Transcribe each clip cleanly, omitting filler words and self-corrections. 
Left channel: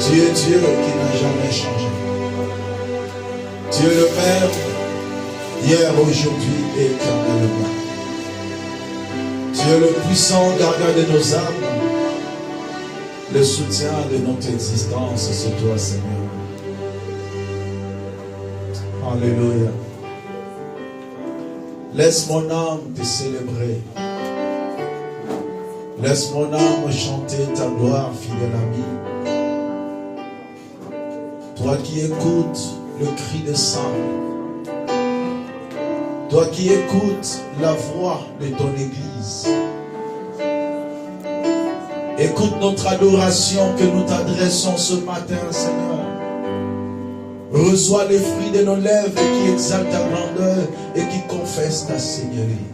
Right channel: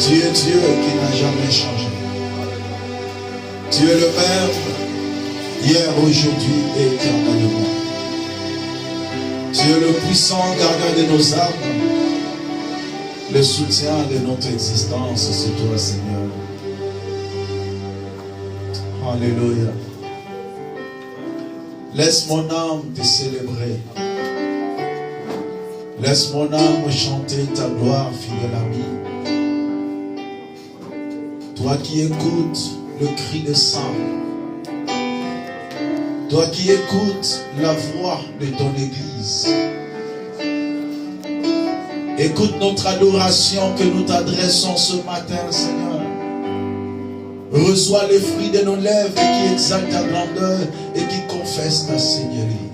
Tu es Dieu qui n'a jamais changé. Tu es le Père, hier, aujourd'hui et éternellement. Tu es le puissant gardien de nos âmes, le soutien de notre existence, c'est toi, Seigneur. Alléluia. Laisse mon âme te célébrer. Laisse mon âme chanter ta gloire, fidèle ami. Toi qui écoutes le cri des saints. Toi qui écoutes la voix de ton Église. Écoute notre adoration que nous t'adressons ce matin, Seigneur. Reçois les fruits de nos lèvres qui exaltent ta grandeur et qui confessent ta Seigneurie.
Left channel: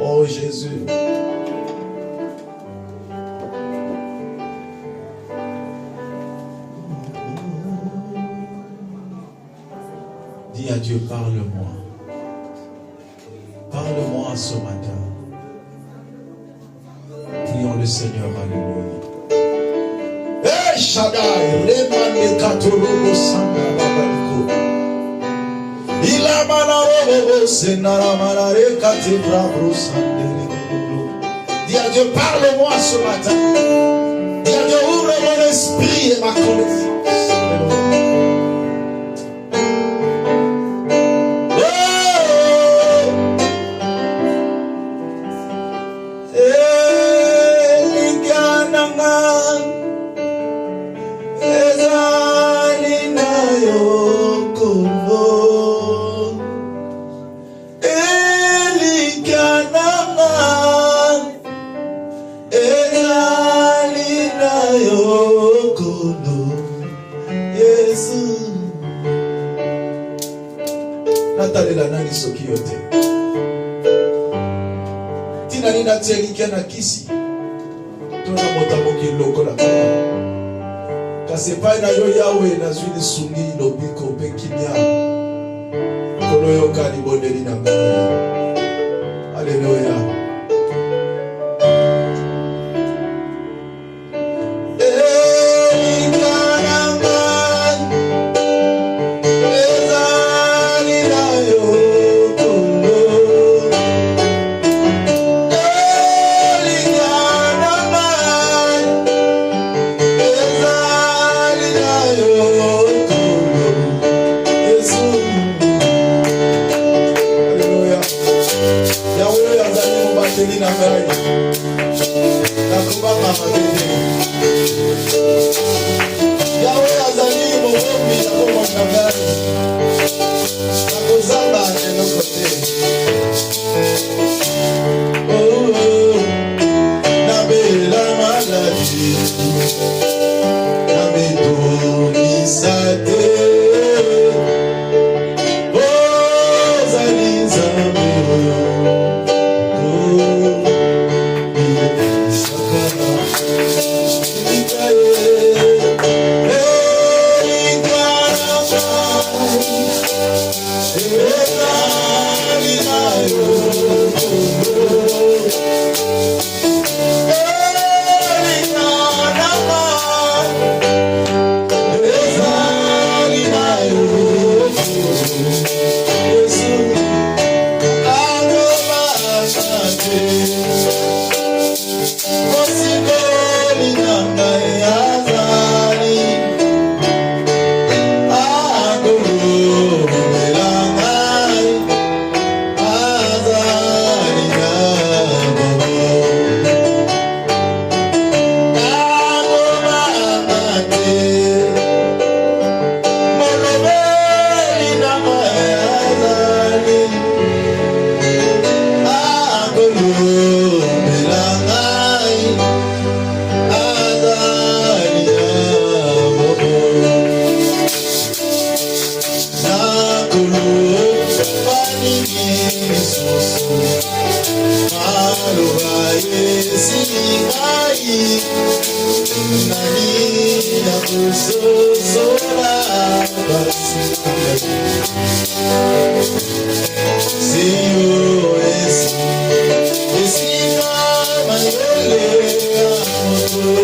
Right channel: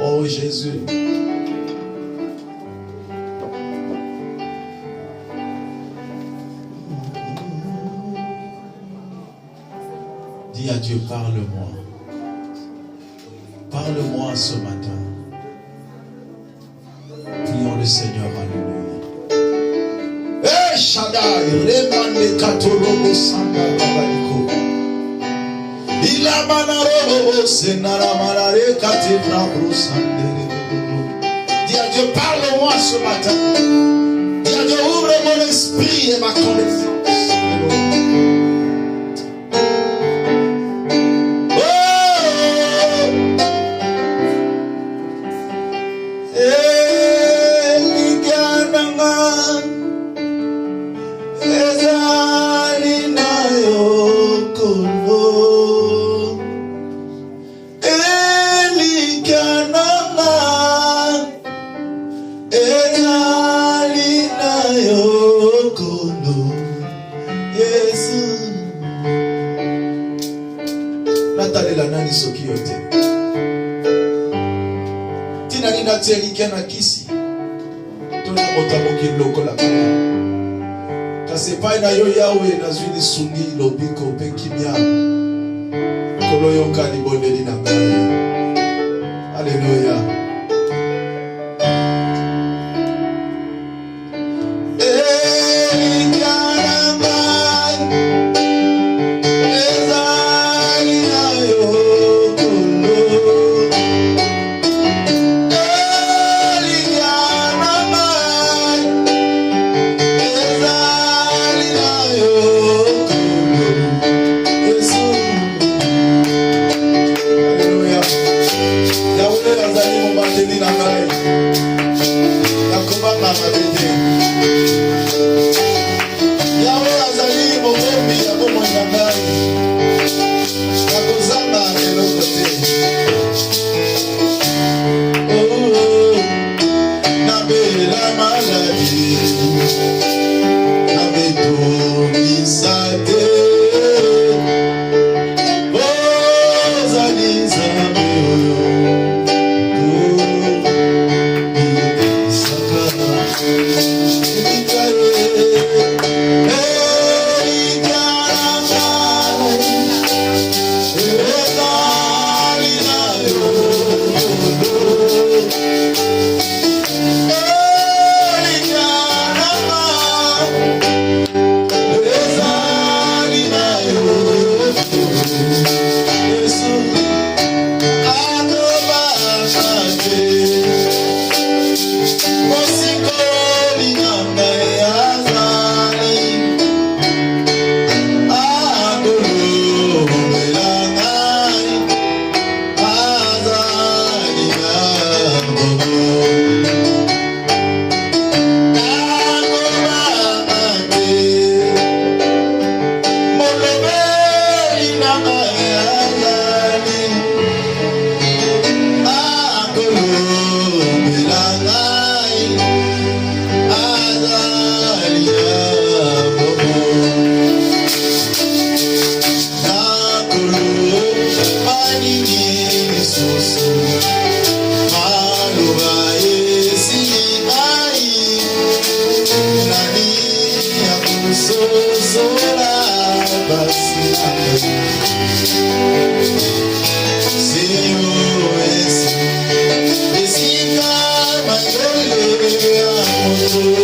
Oh Jésus. Dis à Dieu, parle-moi. Parle-moi ce matin. Prions le Seigneur, alléluia. Eh Shaddai, Remane Katolobo Sanda Babaliko. Ilamanaro Senara Malare Katebra Brosandere. Dis à Dieu, parle-moi ce matin. Dis à Dieu, ouvre mon esprit et ma connaissance. Alléluia. Thank you.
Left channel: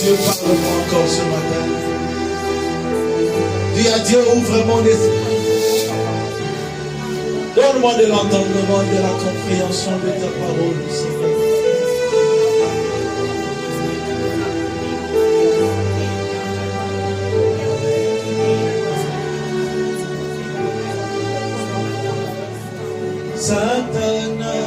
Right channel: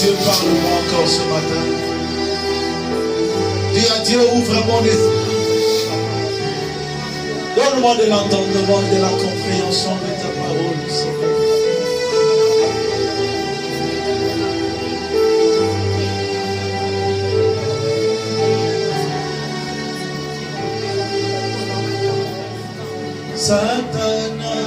Dieu, parle-moi encore ce matin. Dis à Dieu, ouvre mon esprit. Donne-moi de l'entendement et de la compréhension de ta parole, Seigneur. Satana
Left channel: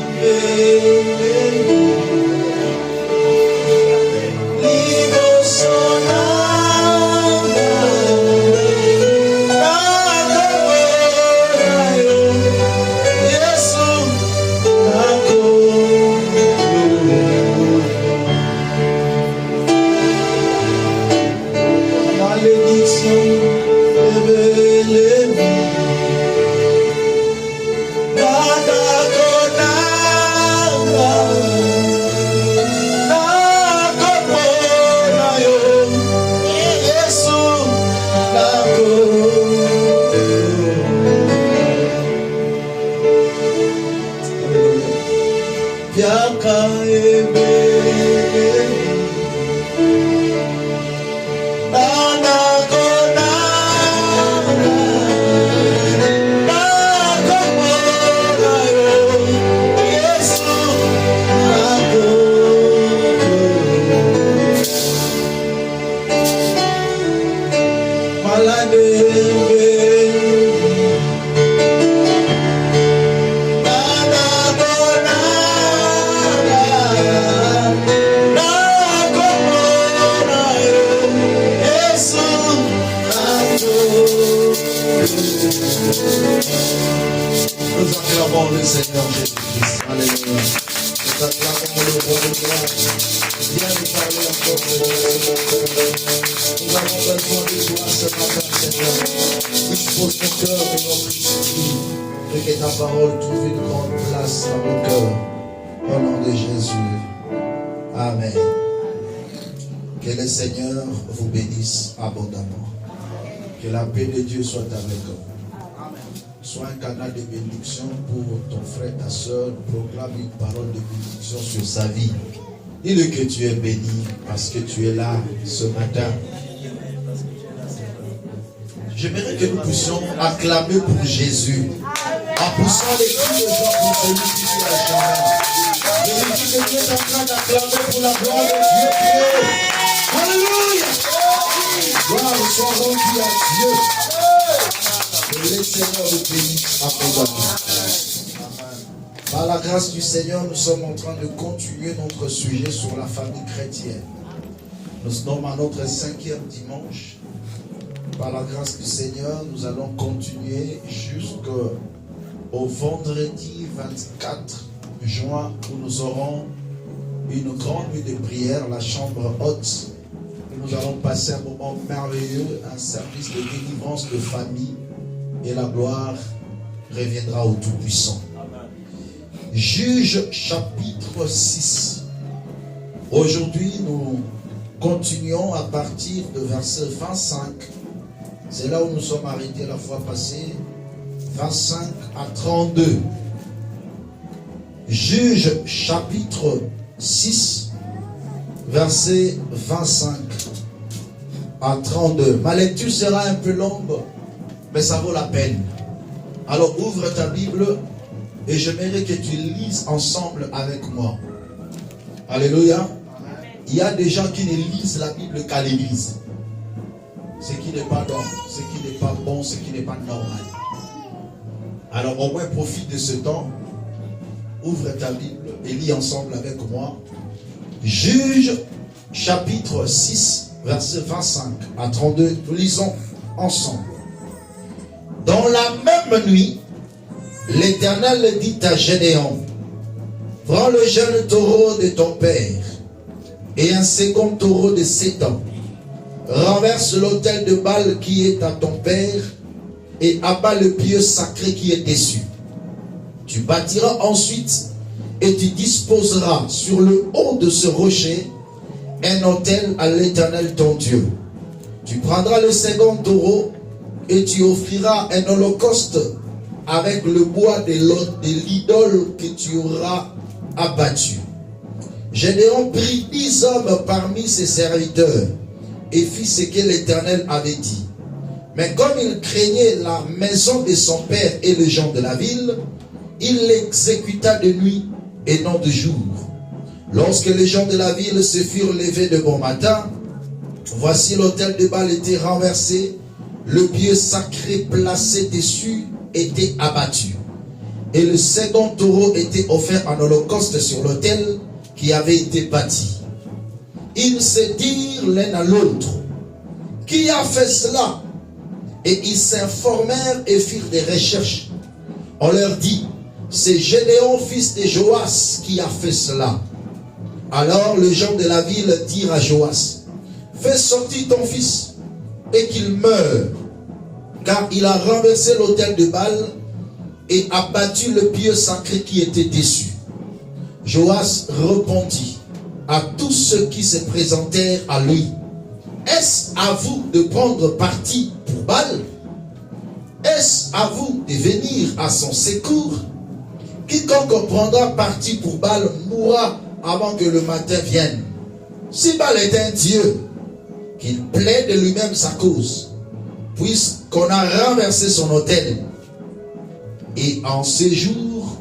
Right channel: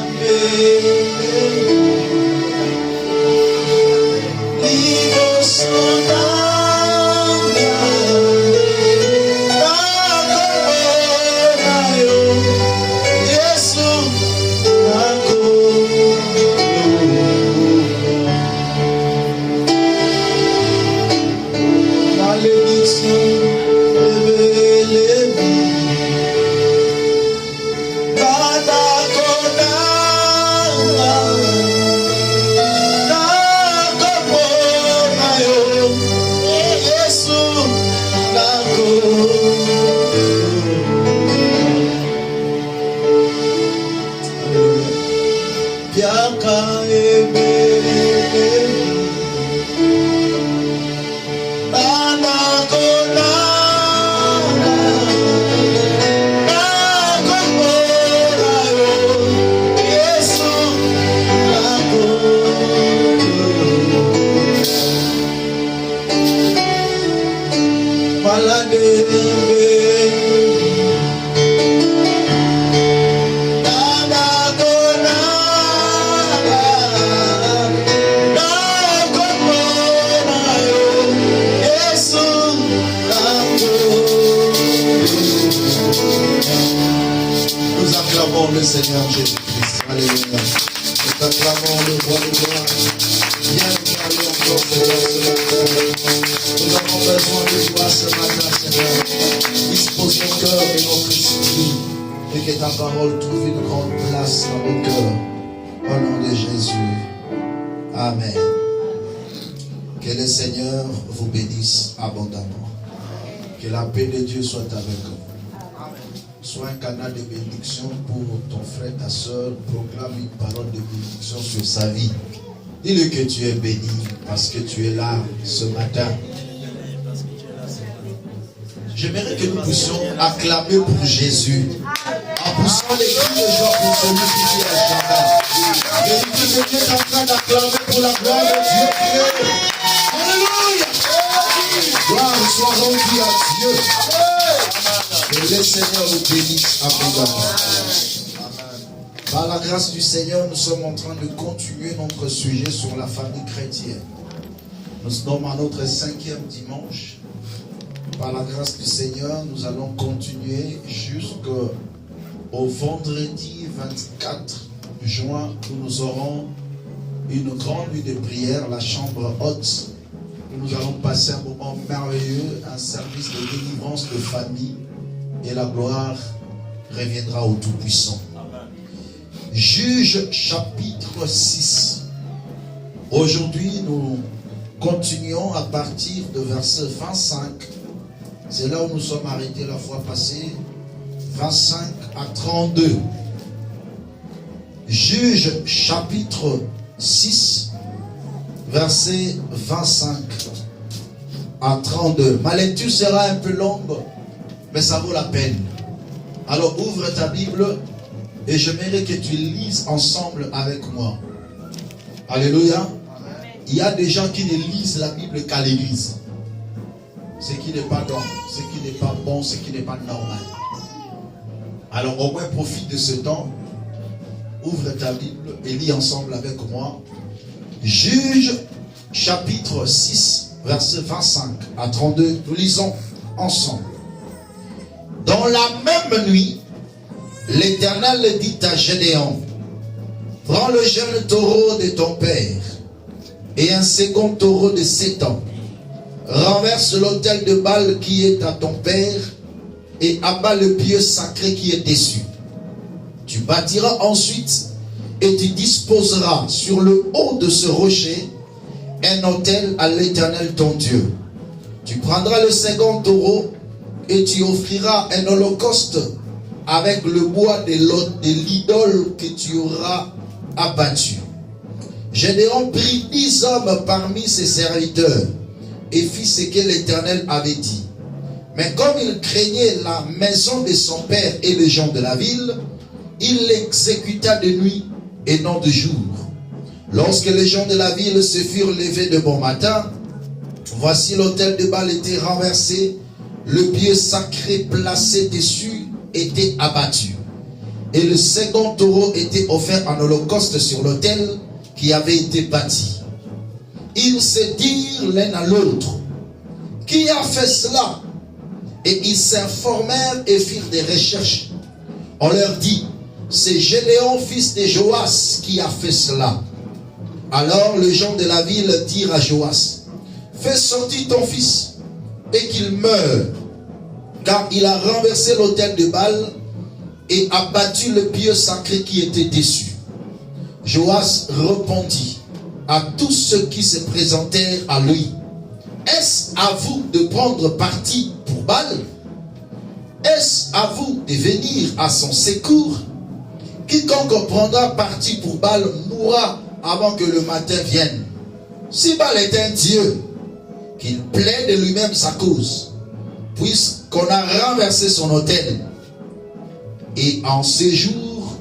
le Seigneur Jésus-Christ. Alléluia. Nous acclamons le roi de gloire. Viens nous parler encore, Seigneur. Nous avons besoin de toi ce matin, Seigneur. Dispose nos cœurs et notre esprit et que ta parole trouve une grande place dans nos cœurs. Au nom de Jésus. Amen. Que le Seigneur vous bénisse abondamment. Que la paix de Dieu soit avec vous. Sois un canal de bénédiction pour ton frère, ta soeur. Proclame une parole de bénédiction sur sa vie. Dis-le que tu es béni parce que tu es là ce matin. J'aimerais que nous puissions acclamer pour Jésus en poussant les cris de joie pour celui qui vit à jamais. Jésus qui est en train d'acclamer pour la gloire de Dieu qui est. Alléluia! Gloire soit rendue à Dieu. Que le Seigneur vous bénisse abondamment. Par la grâce du Seigneur, nous sommes en train de continuer notre sujet sur la famille chrétienne. Nous sommes à notre 5e dimanche. Par la grâce du Seigneur, nous allons continuer jusqu'au vendredi 24 juin où nous aurons une grande nuit de prière, la chambre haute, où nous allons passer un moment merveilleux, un service de délivrance de famille. Et la gloire reviendra au Tout-Puissant. Juge chapitre 6. Aujourd'hui, nous continuons à partir de verset 25. C'est là où nous sommes arrêtés la fois passée. 25 à 32. Juge chapitre 6, verset 25 à 32. Ma lecture sera un peu longue, mais ça vaut la peine. Alors ouvre ta Bible et j'aimerais que tu lises ensemble avec moi. Alléluia. Il y a des gens qui ne lisent la Bible qu'à l'église. Ce qui n'est pas bon, ce qui n'est pas bon, ce qui n'est pas normal. Alors au moins profite de ce temps. Ouvre ta Bible et lis ensemble avec moi. Juge chapitre 6, verset 25 à 32. Nous lisons ensemble. Dans la même nuit, l'Éternel dit à Gédéon, prends le jeune taureau de ton père et un second taureau de 7 ans. Renverse l'autel de Baal qui est à ton père et abat le pieu sacré qui est dessus. Tu bâtiras ensuite et tu disposeras sur le haut de ce rocher un autel à l'Éternel ton Dieu. Tu prendras le second taureau et tu offriras un holocauste avec le bois de l'idole que tu auras abattu. Gédéon prit 10 hommes parmi ses serviteurs et fit ce que l'Éternel avait dit. Mais comme il craignait la maison de son père et les gens de la ville, il l'exécuta de nuit et non de jour. Lorsque les gens de la ville se furent levés de bon matin, voici l'autel de Baal était renversé, le pieu sacré placé dessus était abattu. Et le second taureau était offert en holocauste sur l'autel qui avait été bâti. Ils se dirent l'un à l'autre, qui a fait cela? Et ils s'informèrent et firent des recherches. On leur dit, c'est Gédéon, fils de Joas, qui a fait cela. Alors les gens de la ville dirent à Joas, fais sortir ton fils et qu'il meure, car il a renversé l'autel de Baal et a battu le pieu sacré qui était dessus. Joas répondit à tous ceux qui se présentèrent à lui, est-ce à vous de prendre parti pour Baal? Est-ce à vous de venir à son secours? Quiconque prendra parti pour Baal mourra avant que le matin vienne. Si Baal est un Dieu, qu'il plaide de lui-même sa cause, puisqu'on a renversé son autel. Et en ces jours,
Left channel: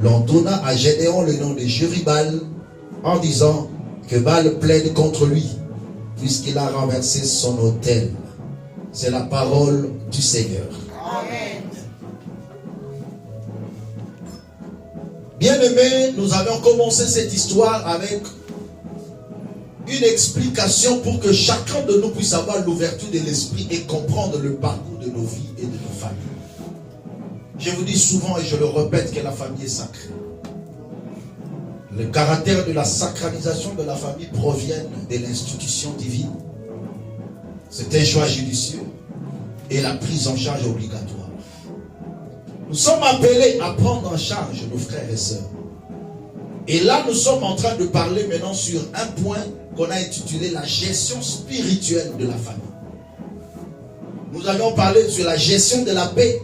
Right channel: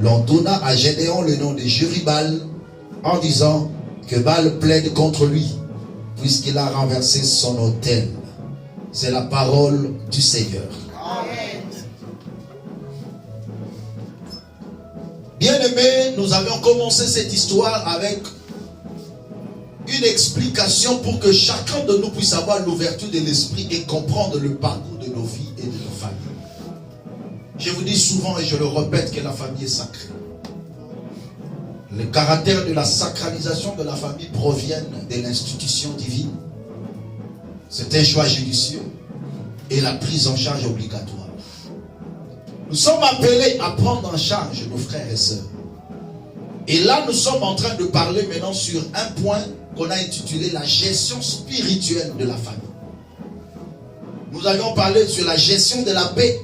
l'on donna à Gédéon le nom de Jérubal, en disant que Baal plaide contre lui, puisqu'il a renversé son autel. C'est la parole du Seigneur. Amen. Bien-aimés, nous avions commencé cette histoire avec une explication pour que chacun de nous puisse avoir l'ouverture de l'esprit et comprendre le parcours de nos vies et de nos familles. Je vous dis souvent et je le répète que la famille est sacrée. Le caractère de la sacralisation de la famille provient de l'institution divine. C'est un choix judicieux et la prise en charge obligatoire. Nous sommes appelés à prendre en charge nos frères et sœurs. Et là, nous sommes en train de parler maintenant sur un point qu'on a intitulé la gestion spirituelle de la famille. Nous avions parlé sur la gestion de la paix.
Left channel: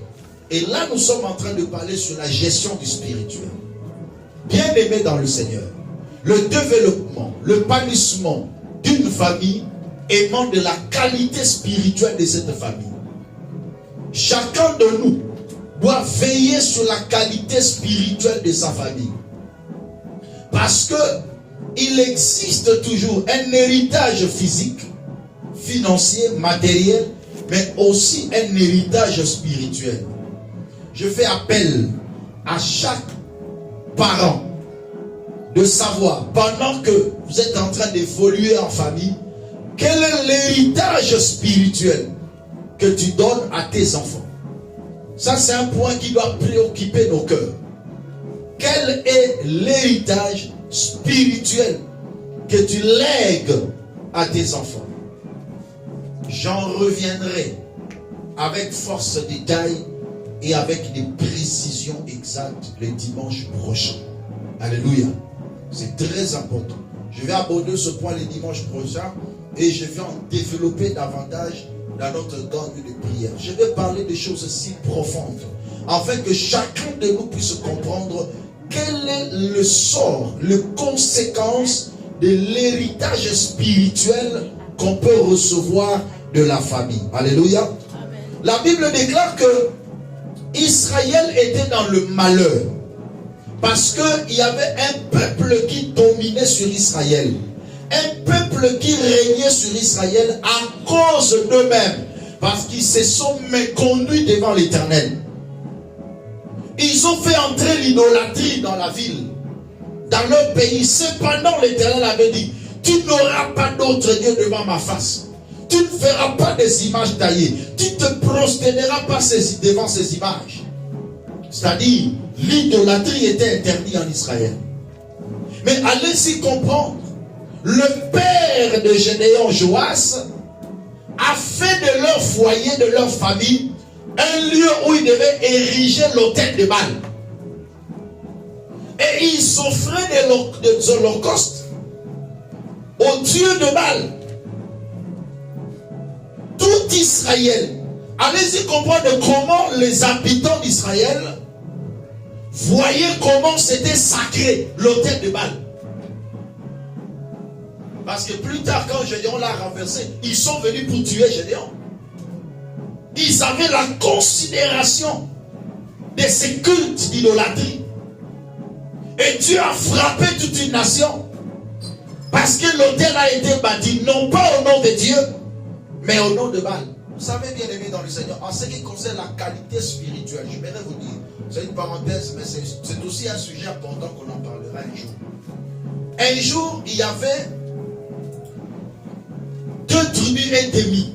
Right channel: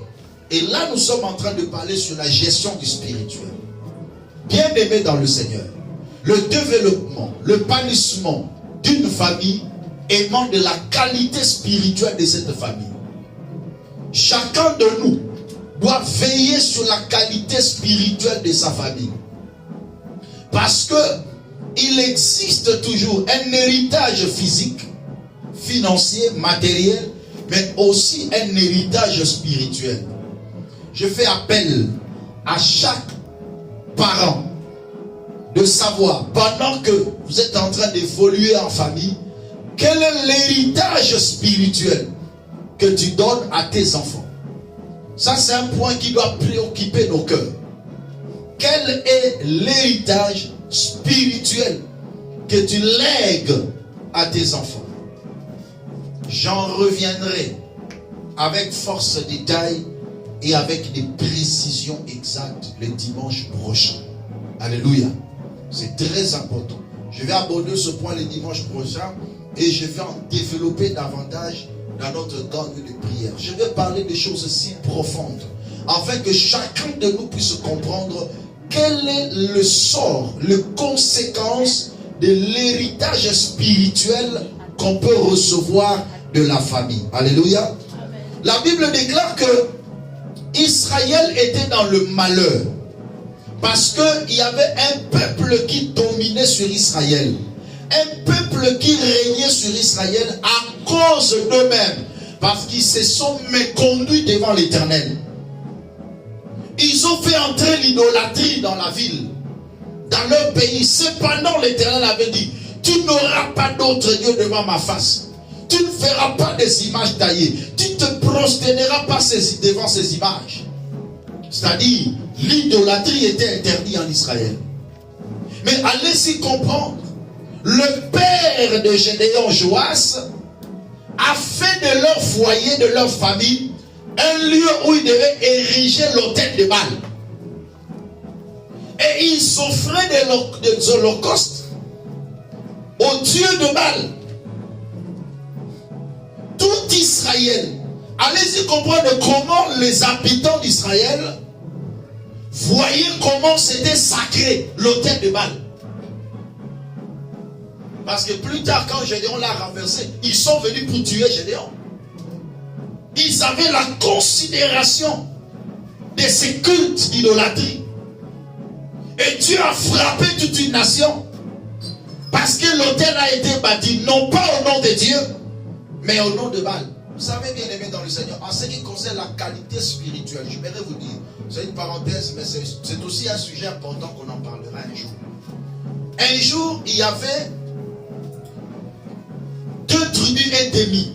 Et là, nous sommes en train de parler sur la gestion du spirituel. Bien-aimés dans le Seigneur, le développement, le panissement d'une famille émane de la qualité spirituelle de cette famille. Chacun de nous doit veiller sur la qualité spirituelle de sa famille. Parce que il existe toujours un héritage physique, financier, matériel, mais aussi un héritage spirituel. Je fais appel à chaque parent de savoir, pendant que vous êtes en train d'évoluer en famille, quel est l'héritage spirituel que tu donnes à tes enfants. Ça, c'est un point qui doit préoccuper nos cœurs. Quel est l'héritage spirituel que tu lègues à tes enfants? J'en reviendrai avec force détail et avec des précisions exactes le dimanche prochain. Alléluia. C'est très important. Je vais aborder ce point le dimanche prochain et je vais en développer davantage dans notre gang de prière. Je vais parler de choses si profondes afin que chacun de nous puisse comprendre quel est le sort, les conséquences de l'héritage spirituel qu'on peut recevoir de la famille. Alléluia. Amen. La Bible déclare que Israël était dans le malheur parce qu'il y avait un peuple qui dominait sur Israël. Un peuple qui régnait sur Israël à cause d'eux-mêmes parce qu'ils se sont méconduits devant l'Éternel. Ils ont fait entrer l'idolâtrie dans la ville, dans leur pays. Cependant, l'Éternel avait dit, tu n'auras pas d'autre Dieu devant ma face. Tu ne feras pas des images taillées. Tu ne te prosterneras pas devant ces images. C'est-à-dire, l'idolâtrie était interdite en Israël. Mais allez-y comprendre, le père de Gédéon, Joas, a fait de leur foyer, de leur famille, un lieu où il devait ériger l'autel de Baal. Et Et ils offraient des holocaustes aux dieux de Baal. Tout Israël, allez-y comprendre comment les habitants d'Israël voyaient comment c'était sacré l'autel de Baal. Parce que plus tard, quand Gédéon l'a renversé, ils sont venus pour tuer Gédéon. Ils avaient la considération de ces cultes d'idolâtrie. Et Dieu a frappé toute une nation. Parce que l'autel a été bâti, non pas au nom de Dieu, mais au nom de Baal. Vous savez, bien aimé dans le Seigneur, en ce qui concerne la qualité spirituelle, je voudrais vous dire, c'est une parenthèse, mais c'est aussi un sujet important qu'on en parlera un jour. Un jour, il y avait 2 tribus ennemies.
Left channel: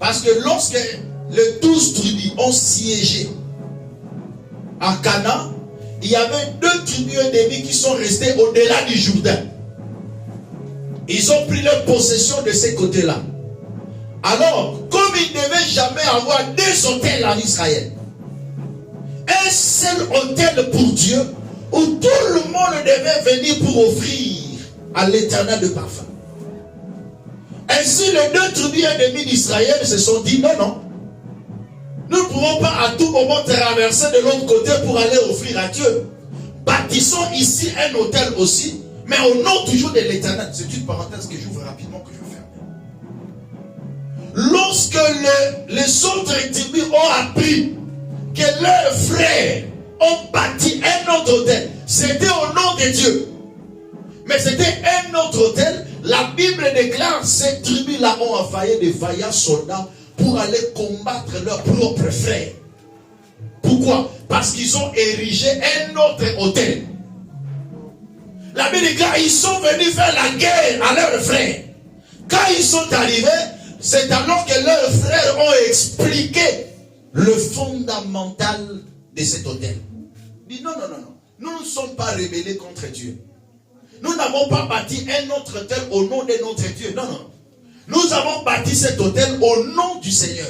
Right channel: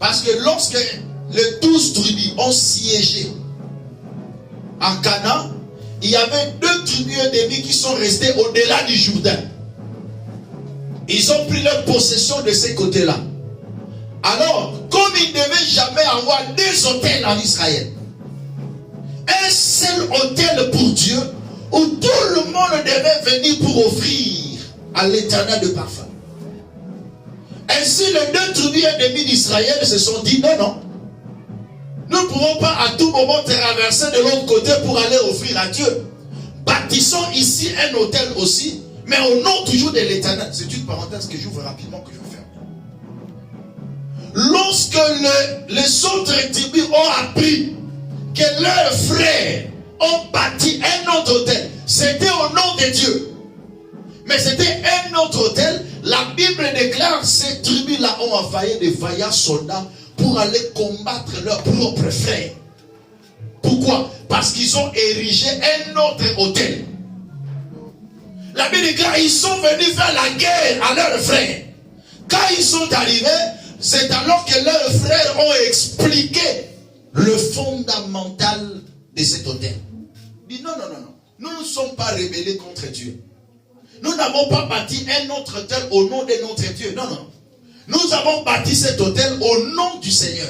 Parce que lorsque les 12 tribus ont siégé à Canaan, il y avait 2 tribus ennemies qui sont restées au-delà du Jourdain. Ils ont pris leur possession de ces côtés-là. Alors, comme il ne devait jamais avoir 2 autels en Israël, un seul autel pour Dieu, où tout le monde devait venir pour offrir à l'Éternel de parfum. Ainsi, les 2 tribus ennemies d'Israël se sont dit, non, non, nous ne pouvons pas à tout moment traverser de l'autre côté pour aller offrir à Dieu. Bâtissons ici un autel aussi, mais au nom toujours de l'Éternel. C'est une parenthèse que j'ouvre rapidement, que je vais fermer. Lorsque les autres tribus ont appris que leurs frères ont bâti un autre autel, c'était au nom de Dieu. Mais c'était un autre autel. La Bible déclare ces tribus-là ont envoyé des vaillants soldats pour aller combattre leurs propres frères. Pourquoi? Parce qu'ils ont érigé un autre autel. La Bible déclare ils sont venus faire la guerre à leurs frères. Quand ils sont arrivés, c'est alors que leurs frères ont expliqué le fondamental de cet autel. Ils disent non, non, non, non. Nous ne sommes pas rebellés contre Dieu. Nous n'avons pas bâti un autre autel au nom de notre Dieu. Non, non. Nous avons bâti cet autel au nom du Seigneur.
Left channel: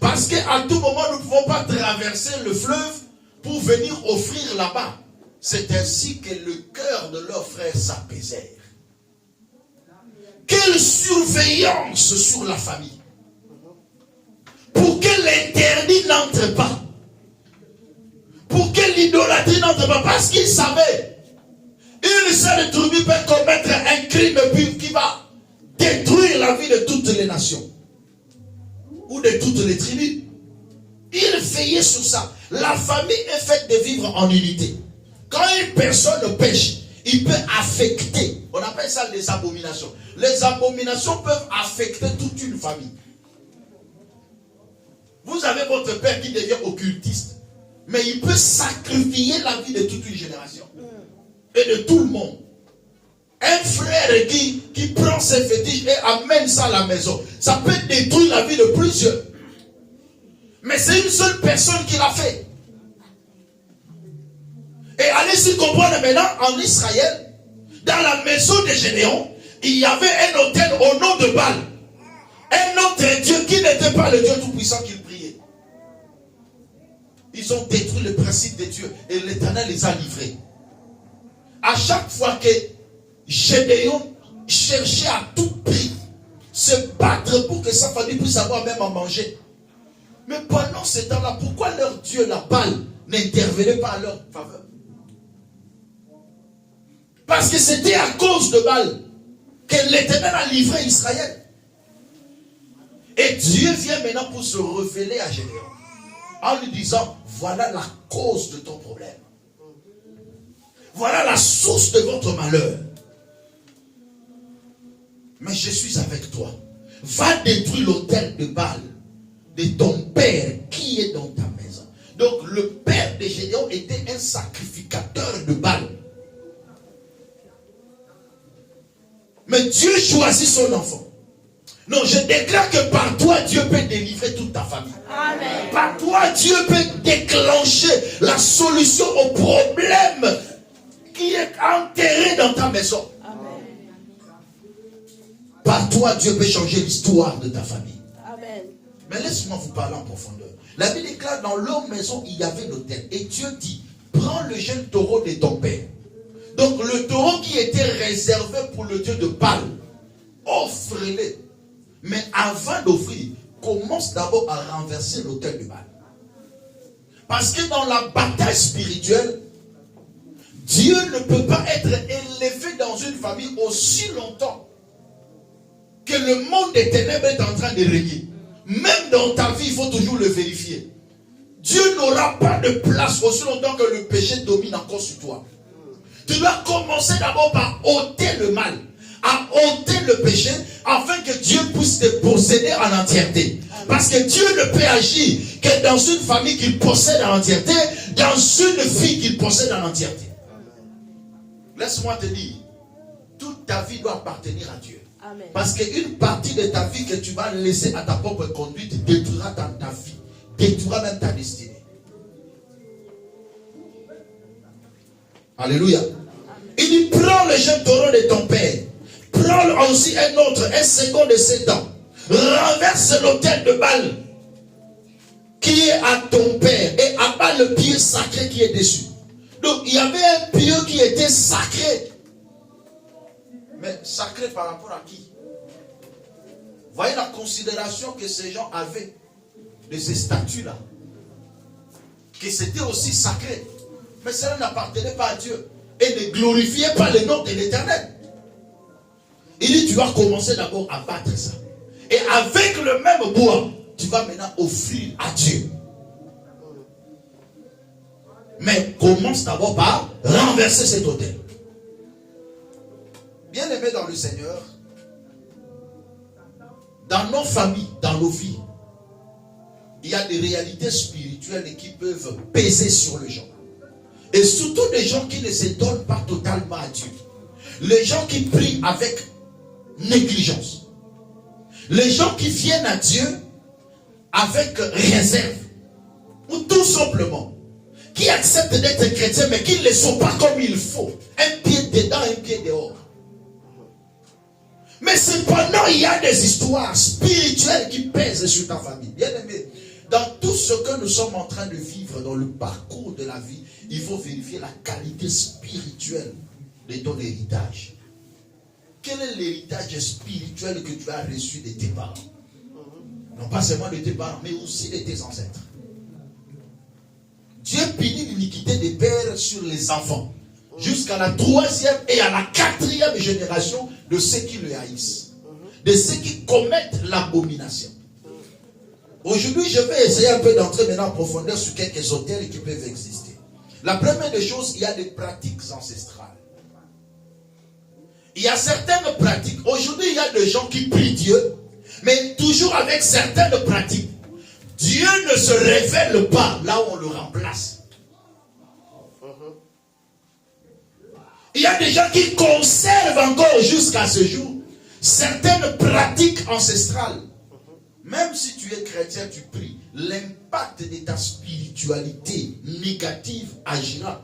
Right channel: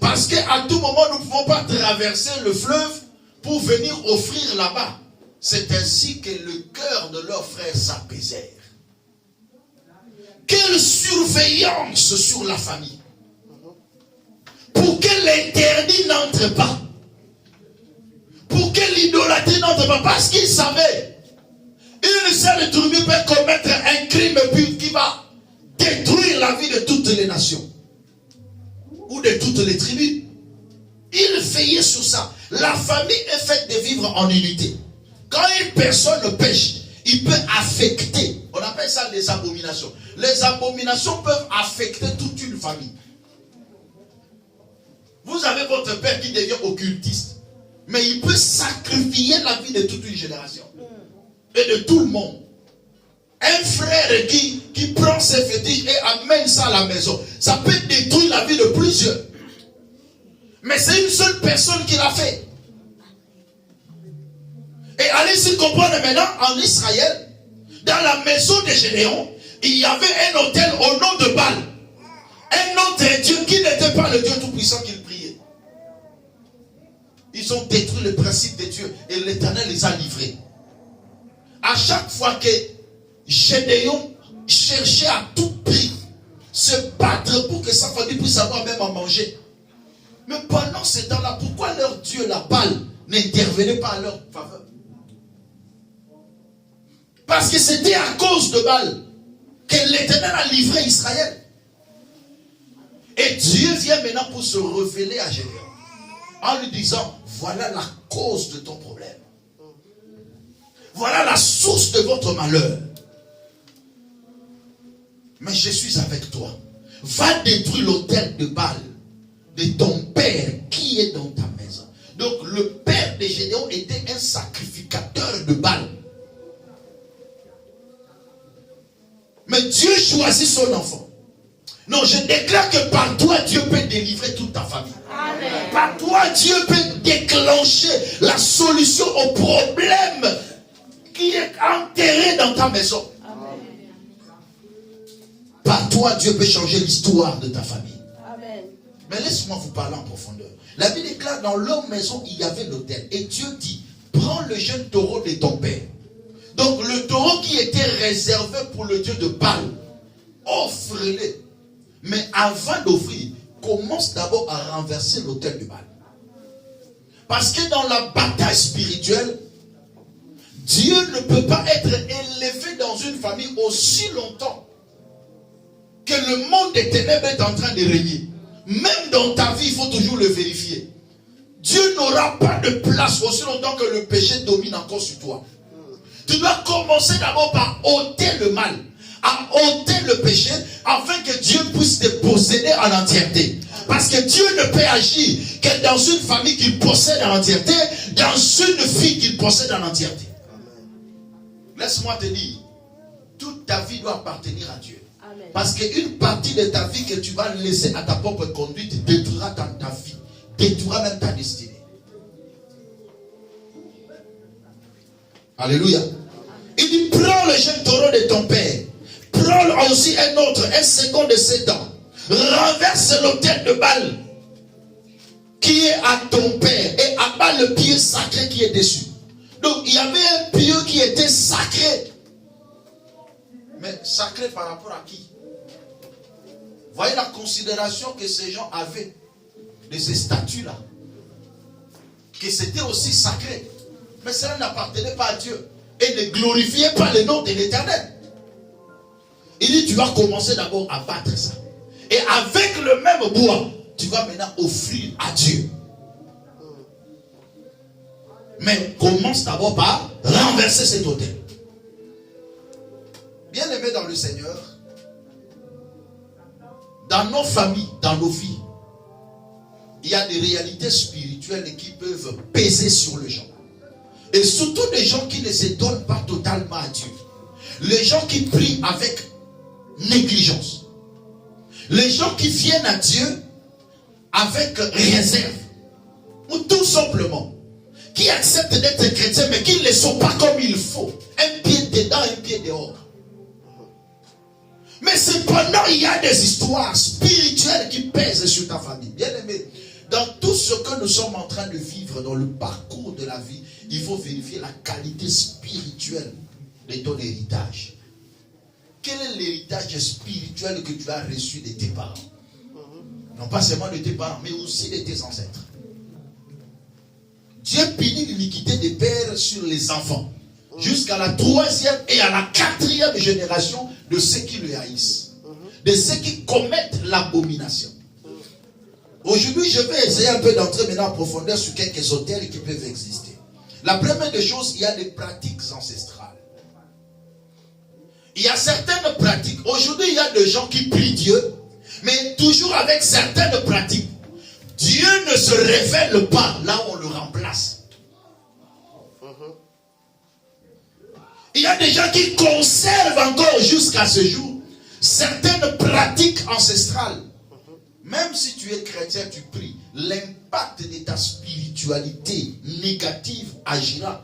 Parce qu'à tout moment, nous ne pouvons pas traverser le fleuve pour venir offrir là-bas. C'est ainsi que le cœur de leurs frères s'apaisèrent. Quelle surveillance sur la famille. Pour que l'interdit n'entre pas. Pour que l'idolâtrie n'entre pas. Parce qu'ils savaient. Une seule tribu peut commettre un crime qui va détruire la vie de toutes les nations. Ou de toutes les tribus. Il veillait sur ça. La famille est faite de vivre en unité. Quand une personne pêche, il peut affecter. On appelle ça des abominations. Les abominations peuvent affecter toute une famille. Vous avez votre père qui devient occultiste. Mais il peut sacrifier la vie de toute une génération. Et de tout le monde. Un frère qui prend ses fétiches et amène ça à la maison. Ça peut détruire la vie de plusieurs. Mais c'est une seule personne qui l'a fait. Et allez-y comprendre maintenant, en Israël, dans la maison de Gédéon, il y avait un autel au nom de Baal. Un autre Dieu qui n'était pas le Dieu tout-puissant qu'il priait. Ils ont détruit le principe de Dieu et l'Éternel les a livrés. À chaque fois que Gédéon cherchait à tout prix se battre pour que sa famille puisse avoir même à manger. Mais pendant ce temps-là, pourquoi leur Dieu, la Baal, n'intervenait pas à leur faveur? Parce que c'était à cause de Baal que l'Éternel a livré Israël. Et Dieu vient maintenant pour se révéler à Gédéon en lui disant, voilà la cause de ton problème. Voilà la source de votre malheur. Mais je suis avec toi. Va détruire l'autel de Baal de ton père qui est dans ta maison. Donc le père de Gédéon était un sacrificateur de Baal. Mais Dieu choisit son enfant. Non, je déclare que par toi, Dieu peut délivrer toute ta famille. Amen. Par toi, Dieu peut déclencher la solution au problème qui est enterré dans ta maison. Amen. Par toi, Dieu peut changer l'histoire de ta famille. Amen. Mais laisse-moi vous parler en profondeur. La Bible déclare dans leur maison, il y avait l'autel. Et Dieu dit, prends le jeune taureau de ton père. Donc le taureau qui était réservé pour le dieu de Baal, offre-le. Mais avant d'offrir, commence d'abord à renverser l'autel de Baal. Parce que dans la bataille spirituelle, Dieu ne peut pas être élevé dans une famille aussi longtemps que le monde des ténèbres est en train de régner. Même dans ta vie, il faut toujours le vérifier. Dieu n'aura pas de place aussi longtemps que le péché domine encore sur toi. Tu dois commencer d'abord par ôter le mal, à ôter le péché, afin que Dieu puisse te posséder en entièreté. Parce que Dieu ne peut agir que dans une famille qu'il possède en entièreté, dans une fille qu'il possède en entièreté. Laisse-moi te dire, toute ta vie doit appartenir à Dieu. Amen. Parce qu'une partie de ta vie que tu vas laisser à ta propre conduite détruira ta vie, détruira même ta destinée. Alléluia. Il dit, prends le jeune taureau de ton père. Prends aussi un autre, un second de 7 ans. Renverse l'autel de Baal qui est à ton père et abat le pied sacré qui est dessus. Donc il y avait un pieu qui était sacré. Mais sacré par rapport à qui? Voyez la considération que ces gens avaient de ces statues-là. Que c'était aussi sacré. Mais cela n'appartenait pas à Dieu. Et ne glorifiait pas le nom de l'Éternel. Il dit, tu vas commencer d'abord à battre ça. Et avec le même bois, tu vas maintenant offrir à Dieu. Mais commence d'abord par renverser cet autel. Bien-aimés dans le Seigneur, dans nos familles, dans nos vies, il y a des réalités spirituelles qui peuvent peser sur les gens. Et surtout des gens qui ne se donnent pas totalement à Dieu. Les gens qui prient avec négligence. Les gens qui viennent à Dieu avec réserve. Ou tout simplement, qui acceptent d'être chrétiens mais qui ne le sont pas comme il faut. Un pied dedans, un pied dehors. Mais cependant, il y a des histoires spirituelles qui pèsent sur ta famille. Bien aimé, dans tout ce que nous sommes en train de vivre dans le parcours de la vie, il faut vérifier la qualité spirituelle de ton héritage. Quel est l'héritage spirituel que tu as reçu de tes parents? Non pas seulement de tes parents, mais aussi de tes ancêtres. Dieu punit l'iniquité des pères sur les enfants, jusqu'à la 3e et à la 4e génération de ceux qui le haïssent, de ceux qui commettent l'abomination. Aujourd'hui, je vais essayer un peu d'entrer maintenant en profondeur sur quelques hôtels qui peuvent exister. La première des choses, il y a des pratiques ancestrales. Il y a certaines pratiques. Aujourd'hui, il y a des gens qui prient Dieu, mais toujours avec certaines pratiques. Dieu ne se révèle pas là où on le remplace. Il y a des gens qui conservent encore jusqu'à ce jour certaines pratiques ancestrales. Même si tu es chrétien, tu pries, l'impact de ta spiritualité négative agira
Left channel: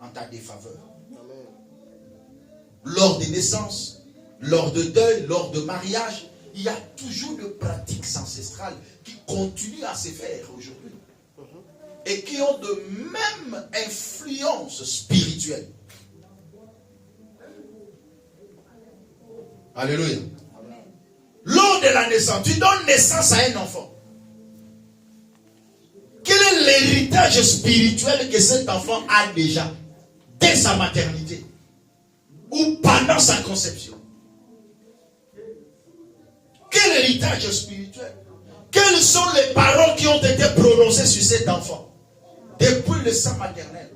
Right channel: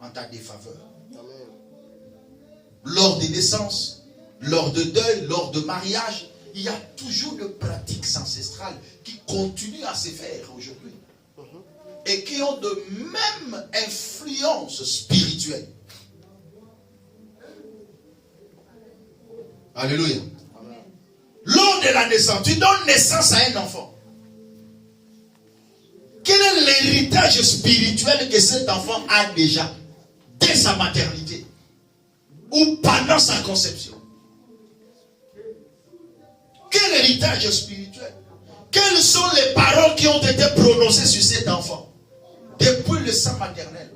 en ta défaveur. Lors des naissances, lors de deuil, lors de mariage, il y a toujours de pratiques ancestrales qui continuent à se faire aujourd'hui. Et qui ont de même influence spirituelle. Alléluia. Lors de la naissance, tu donnes naissance à un enfant. Quel est l'héritage spirituel que cet enfant a déjà dès sa maternité ou pendant sa conception? Quel héritage spirituel? Quelles sont les paroles qui ont été prononcées sur cet enfant depuis le sein maternel?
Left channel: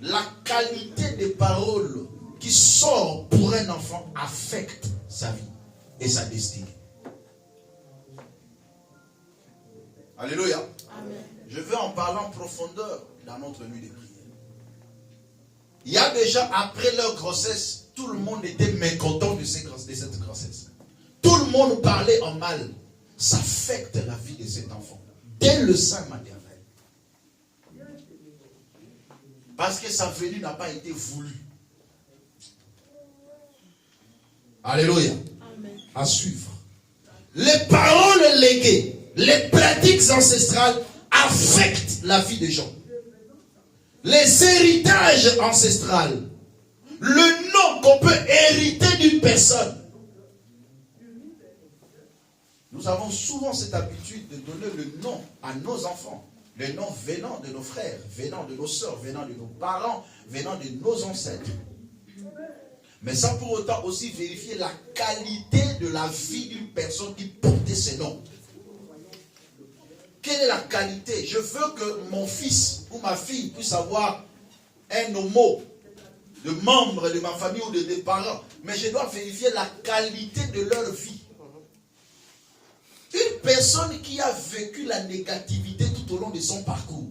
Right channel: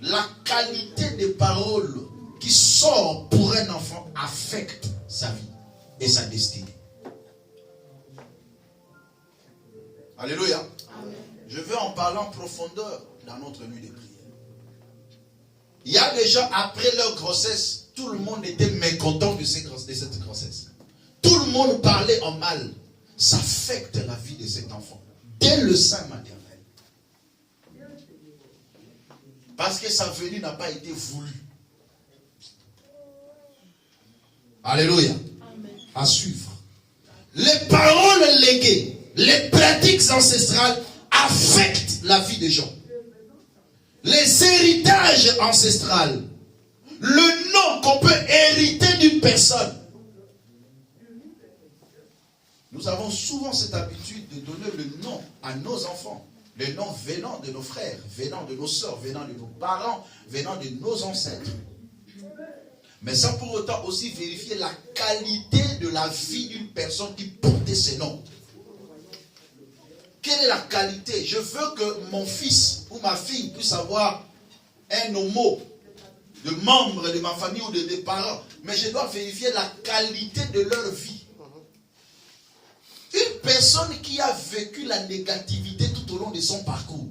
La qualité des paroles qui sort pour un enfant affecte sa vie et sa destinée. Alléluia. Amen. Je veux en parler en profondeur dans notre nuit de prière. Il y a des gens, après leur grossesse, tout le monde était mécontent de cette grossesse. Tout le monde parlait en mal. Ça affecte la vie de cet enfant dès le sein maternel. Parce que sa venue n'a pas été voulue. Alléluia. Amen. À suivre. Les paroles léguées, les pratiques ancestrales affectent la vie des gens. les héritages ancestraux, le nom qu'on peut hériter d'une personne. Nous avons souvent cette habitude de donner le nom à nos enfants. Le nom venant de nos frères, venant de nos sœurs, venant de nos parents, venant de nos ancêtres. Mais sans pour autant aussi vérifier la qualité de la vie d'une personne qui portait ces noms. Quelle est la qualité? Je veux que mon fils ou ma fille puisse avoir un homo de membre de ma famille ou de mes parents. Mais je dois vérifier la qualité de leur vie. Une personne qui a vécu la négativité tout au long de son parcours,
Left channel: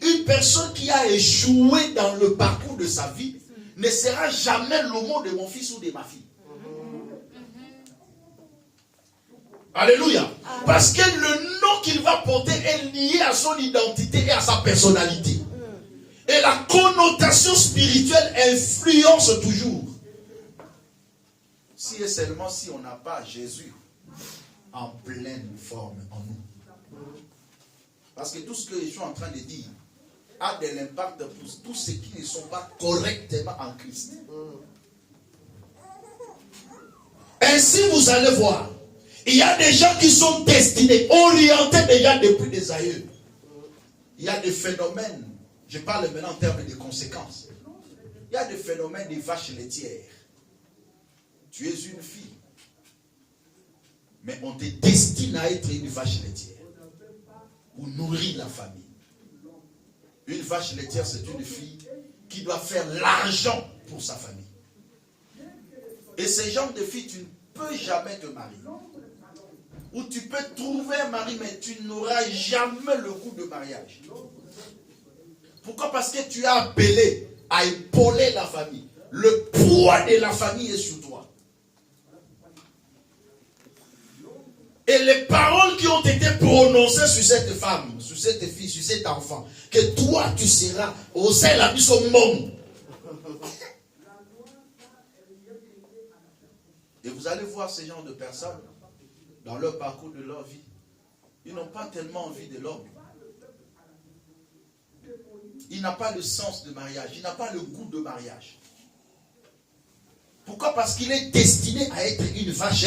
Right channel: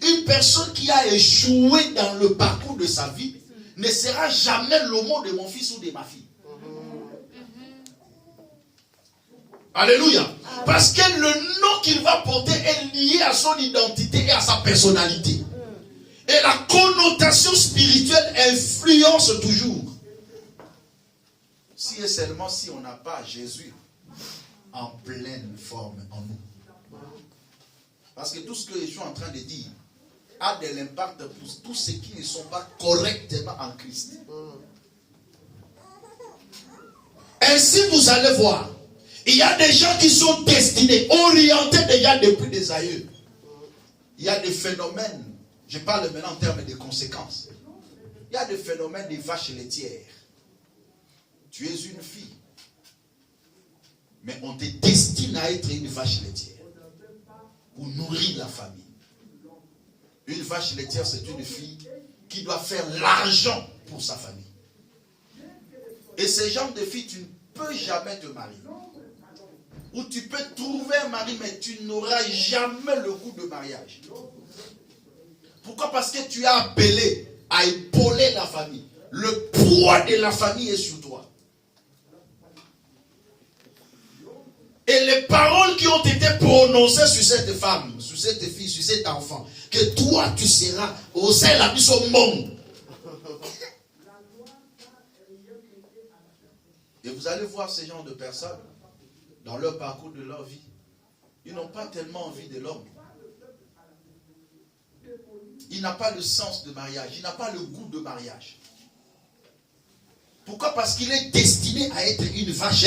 une personne qui a échoué dans le parcours de sa vie, ne sera jamais l'homo de mon fils ou de ma fille. Alléluia. Parce que le nom qu'il va porter est lié à son identité et à sa personnalité. Et la connotation spirituelle influence toujours. Si et seulement si on n'a pas Jésus en pleine forme en nous. Parce que tout ce que je suis en train de dire a de l'impact pour tous ceux qui ne sont pas correctement en Christ. Ainsi, vous allez voir, il y a des gens qui sont destinés, orientés déjà depuis des aïeux. Il y a des phénomènes, je parle maintenant en termes de conséquences. Il y a des phénomènes des vaches laitières. Tu es une fille, mais on te destine à être une vache laitière pour nourrir la famille. Une vache laitière, c'est une fille qui doit faire l'argent pour sa famille. Et ce genre de fille, tu ne peux jamais te marier. Ou tu peux trouver un mari, mais tu n'auras jamais le goût de mariage. Pourquoi? Parce que tu es appelé à épauler la famille. Le poids de la famille est sur toi. Et les paroles qui ont été prononcées sur cette femme, sur cette fille, sur cet enfant, que toi tu seras au sein de la vie au monde. Et vous allez voir ces genres de personnes dans leur parcours de leur vie. Ils n'ont pas tellement envie de l'homme. Il n'a pas le sens de mariage, il n'a pas le goût de mariage. Pourquoi? Parce qu'il est destiné à être une vache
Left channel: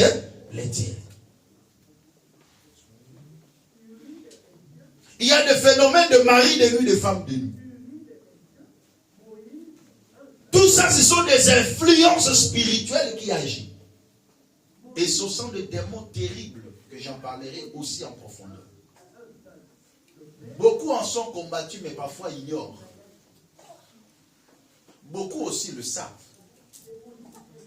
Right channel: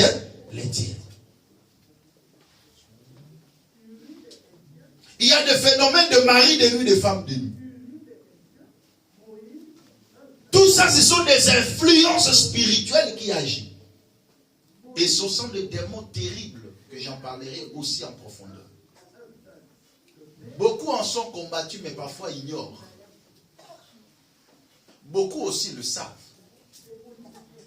laitière. Il y a des phénomènes de mari de nuit, de femme de nuit. Tout ça, ce sont des influences spirituelles qui agissent. Et ce sont des démons terribles que j'en parlerai aussi en profondeur. Beaucoup en sont combattus, mais parfois ignorent. Beaucoup aussi le savent.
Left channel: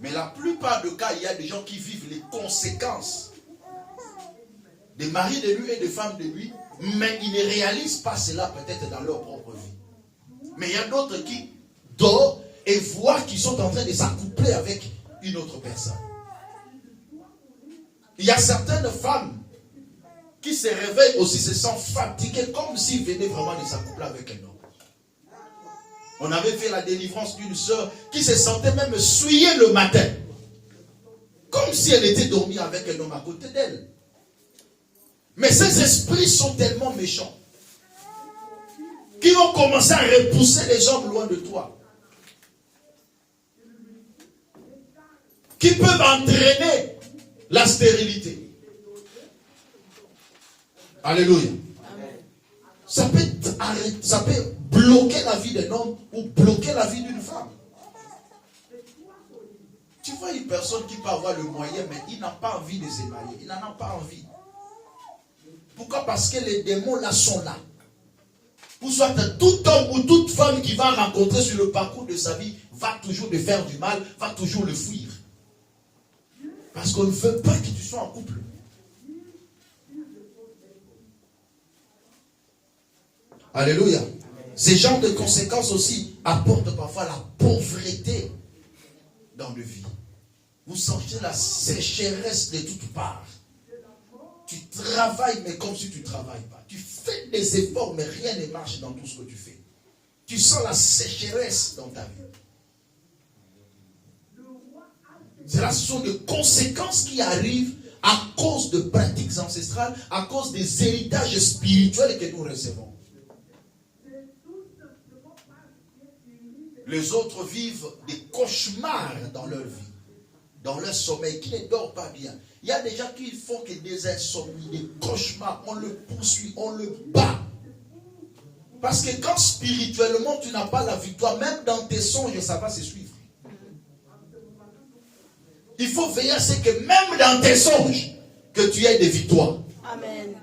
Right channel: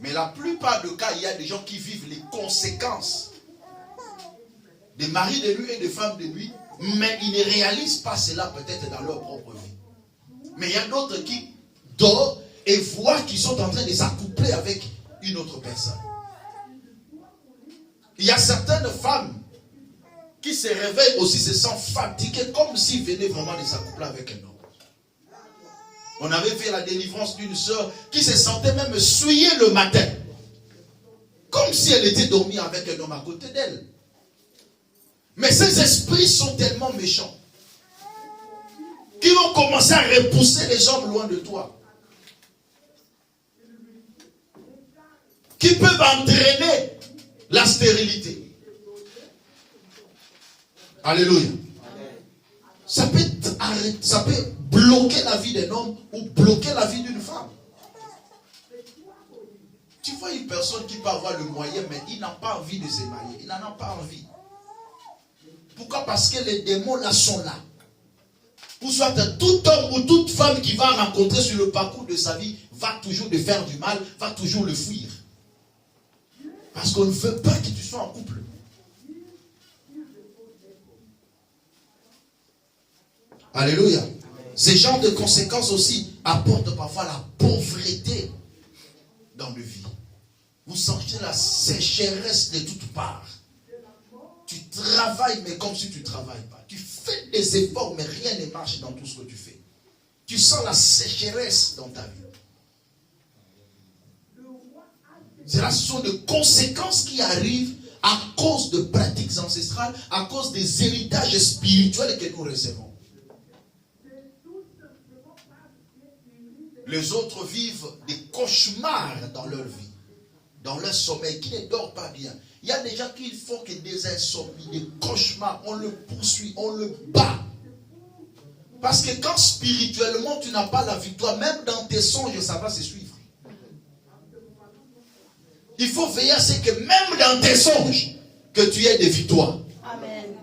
Mais la plupart des cas, il y a des gens qui vivent les conséquences des maris de nuit et des femmes de nuit, mais ils ne réalisent pas cela peut-être dans leur propre vie. Mais il y a d'autres qui dorment et voient qu'ils sont en train de s'accoupler avec une autre personne. Il y a certaines femmes qui se réveillent aussi, se sentent fatiguées, comme s'ils venaient vraiment de s'accoupler avec un homme. On avait fait la délivrance d'une sœur qui se sentait même souillée le matin, comme si elle était dormie avec un homme à côté d'elle. Mais ces esprits sont tellement méchants qui vont commencer à repousser les hommes loin de toi, qui peuvent entraîner la stérilité. Alléluia. Ça peut bloquer la vie d'un homme ou bloquer la vie d'une femme. Tu vois une personne qui peut avoir le moyen, mais il n'a pas envie de se marier. Il n'en a pas envie. Pourquoi? Parce que les démons là sont là. Ou soit tout homme ou toute femme qui va rencontrer sur le parcours de sa vie va toujours lui faire du mal, va toujours le fuir. Parce qu'on ne veut pas que tu sois en couple. Alléluia. Ces genres de conséquences aussi apportent parfois la pauvreté dans la vie. Vous sentez la sécheresse de toutes parts. Tu travailles, mais comme si tu ne travailles pas. Tu fais des efforts, mais rien ne marche dans tout ce que tu fais. Tu sens la sécheresse dans ta vie. Ce sont des conséquences qui arrivent à cause de pratiques ancestrales, à cause des héritages spirituels que nous recevons. Les autres vivent des cauchemars dans leur vie, dans leur sommeil, qui ne dort pas bien. Il y a des gens qui font que des insomnies, des cauchemars, on le poursuit, on le bat. Parce que quand spirituellement tu n'as pas la victoire, même dans tes songes, ça va se suivre. Il faut veiller à ce que même dans tes songes, que tu aies des victoires. Amen.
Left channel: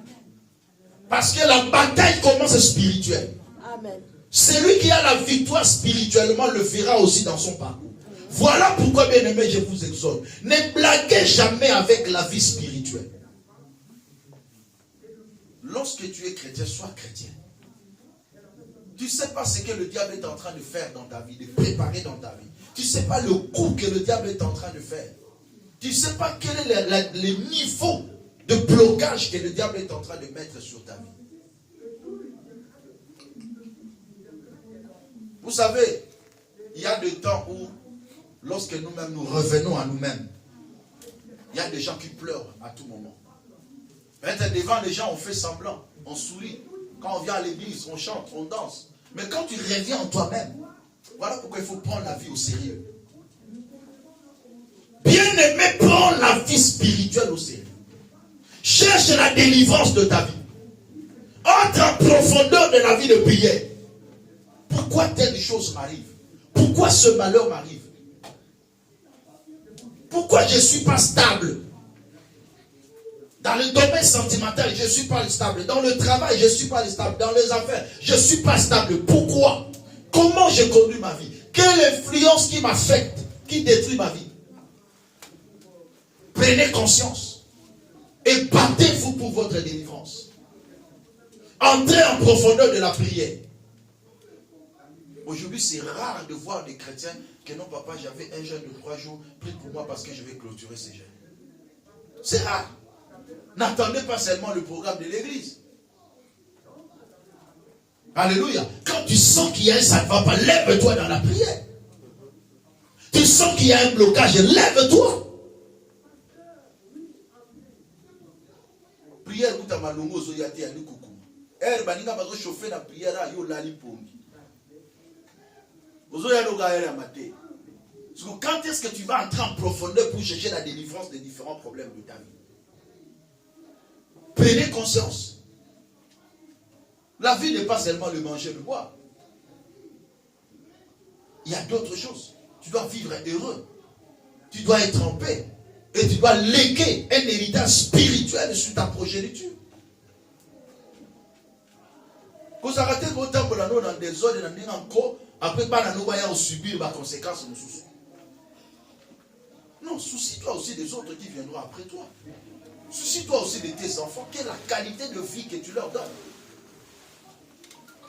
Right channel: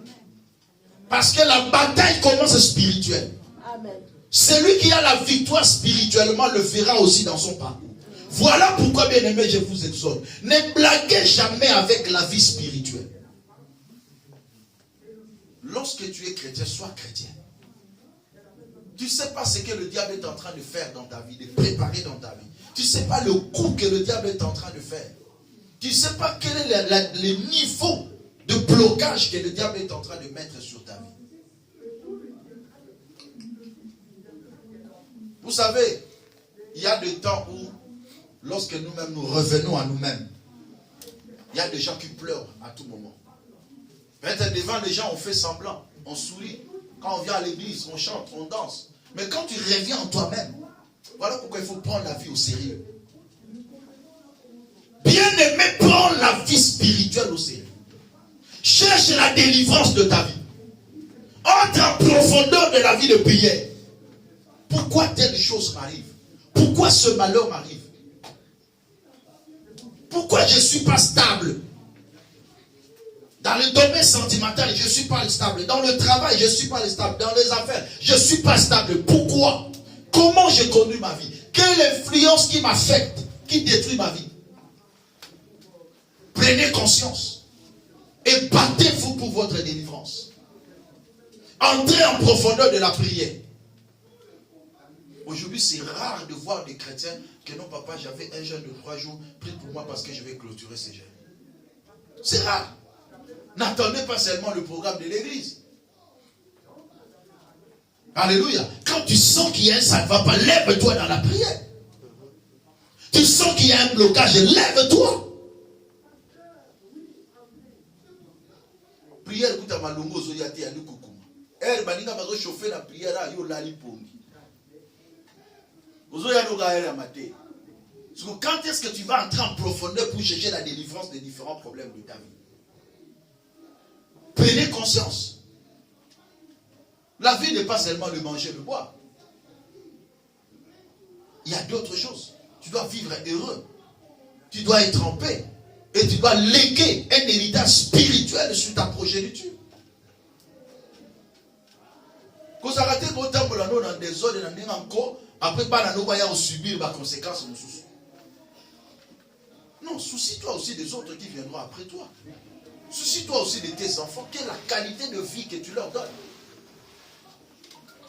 Parce que la bataille commence spirituelle. Amen. Celui qui a la victoire spirituellement le verra aussi dans son parcours. Voilà pourquoi, bien aimé, je vous exhorte. Ne blaguez jamais avec la vie spirituelle. Lorsque tu es chrétien, sois chrétien. Tu ne sais pas ce que le diable est en train de faire dans ta vie, de préparer dans ta vie. Tu ne sais pas le coup que le diable est en train de faire. Tu ne sais pas quel est le niveau de blocage que le diable est en train de mettre sur ta vie. Vous savez, il y a des temps où, lorsque nous-mêmes nous revenons à nous-mêmes, il y a des gens qui pleurent à tout moment. Peut-être devant les gens, on fait semblant, on sourit. Quand on vient à l'église, on chante, on danse. Mais quand tu reviens en toi-même, voilà pourquoi il faut prendre la vie au sérieux. Bien-aimé, prends la vie spirituelle au sérieux. Cherche la délivrance de ta vie. Entre en profondeur de la vie de prière. Pourquoi telle chose m'arrive? Pourquoi ce malheur m'arrive? Pourquoi je ne suis pas stable? Dans le domaine sentimental, je ne suis pas stable. Dans le travail, je ne suis pas stable. Dans les affaires, je ne suis pas stable. Pourquoi? Comment je conduis ma vie? Quelle influence qui m'affecte, qui détruit ma vie? Prenez conscience et battez-vous pour votre délivrance. Entrez en profondeur de la prière. Aujourd'hui, c'est rare de voir des chrétiens que non, papa, j'avais un jeûne de 3 jours, prie pour moi parce que je vais clôturer ces jeûnes. C'est rare. N'attendez pas seulement le programme de l'église. Alléluia. Quand tu sens qu'il y a ça ne va pas, lève-toi dans la prière. Tu sens qu'il y a un blocage, lève-toi. Prière, écoute à malongo, zoyate, à l'ukoukou. Er, baninga, bazo chauffer la prière, à yo lali pongi. Quand est-ce que tu vas entrer en profondeur pour chercher la délivrance des différents problèmes de ta vie? Prenez conscience. La vie n'est pas seulement le manger, le boire. Il y a d'autres choses. Tu dois vivre heureux. Tu dois être en paix. Et tu dois léguer un héritage spirituel sur ta progéniture. Quand ça rate le temps pour la dans des ordres, après, on va subir les conséquences. Non, soucie-toi aussi des autres qui viendront après toi. Soucie-toi aussi de tes enfants. Quelle est la qualité de vie que tu leur donnes?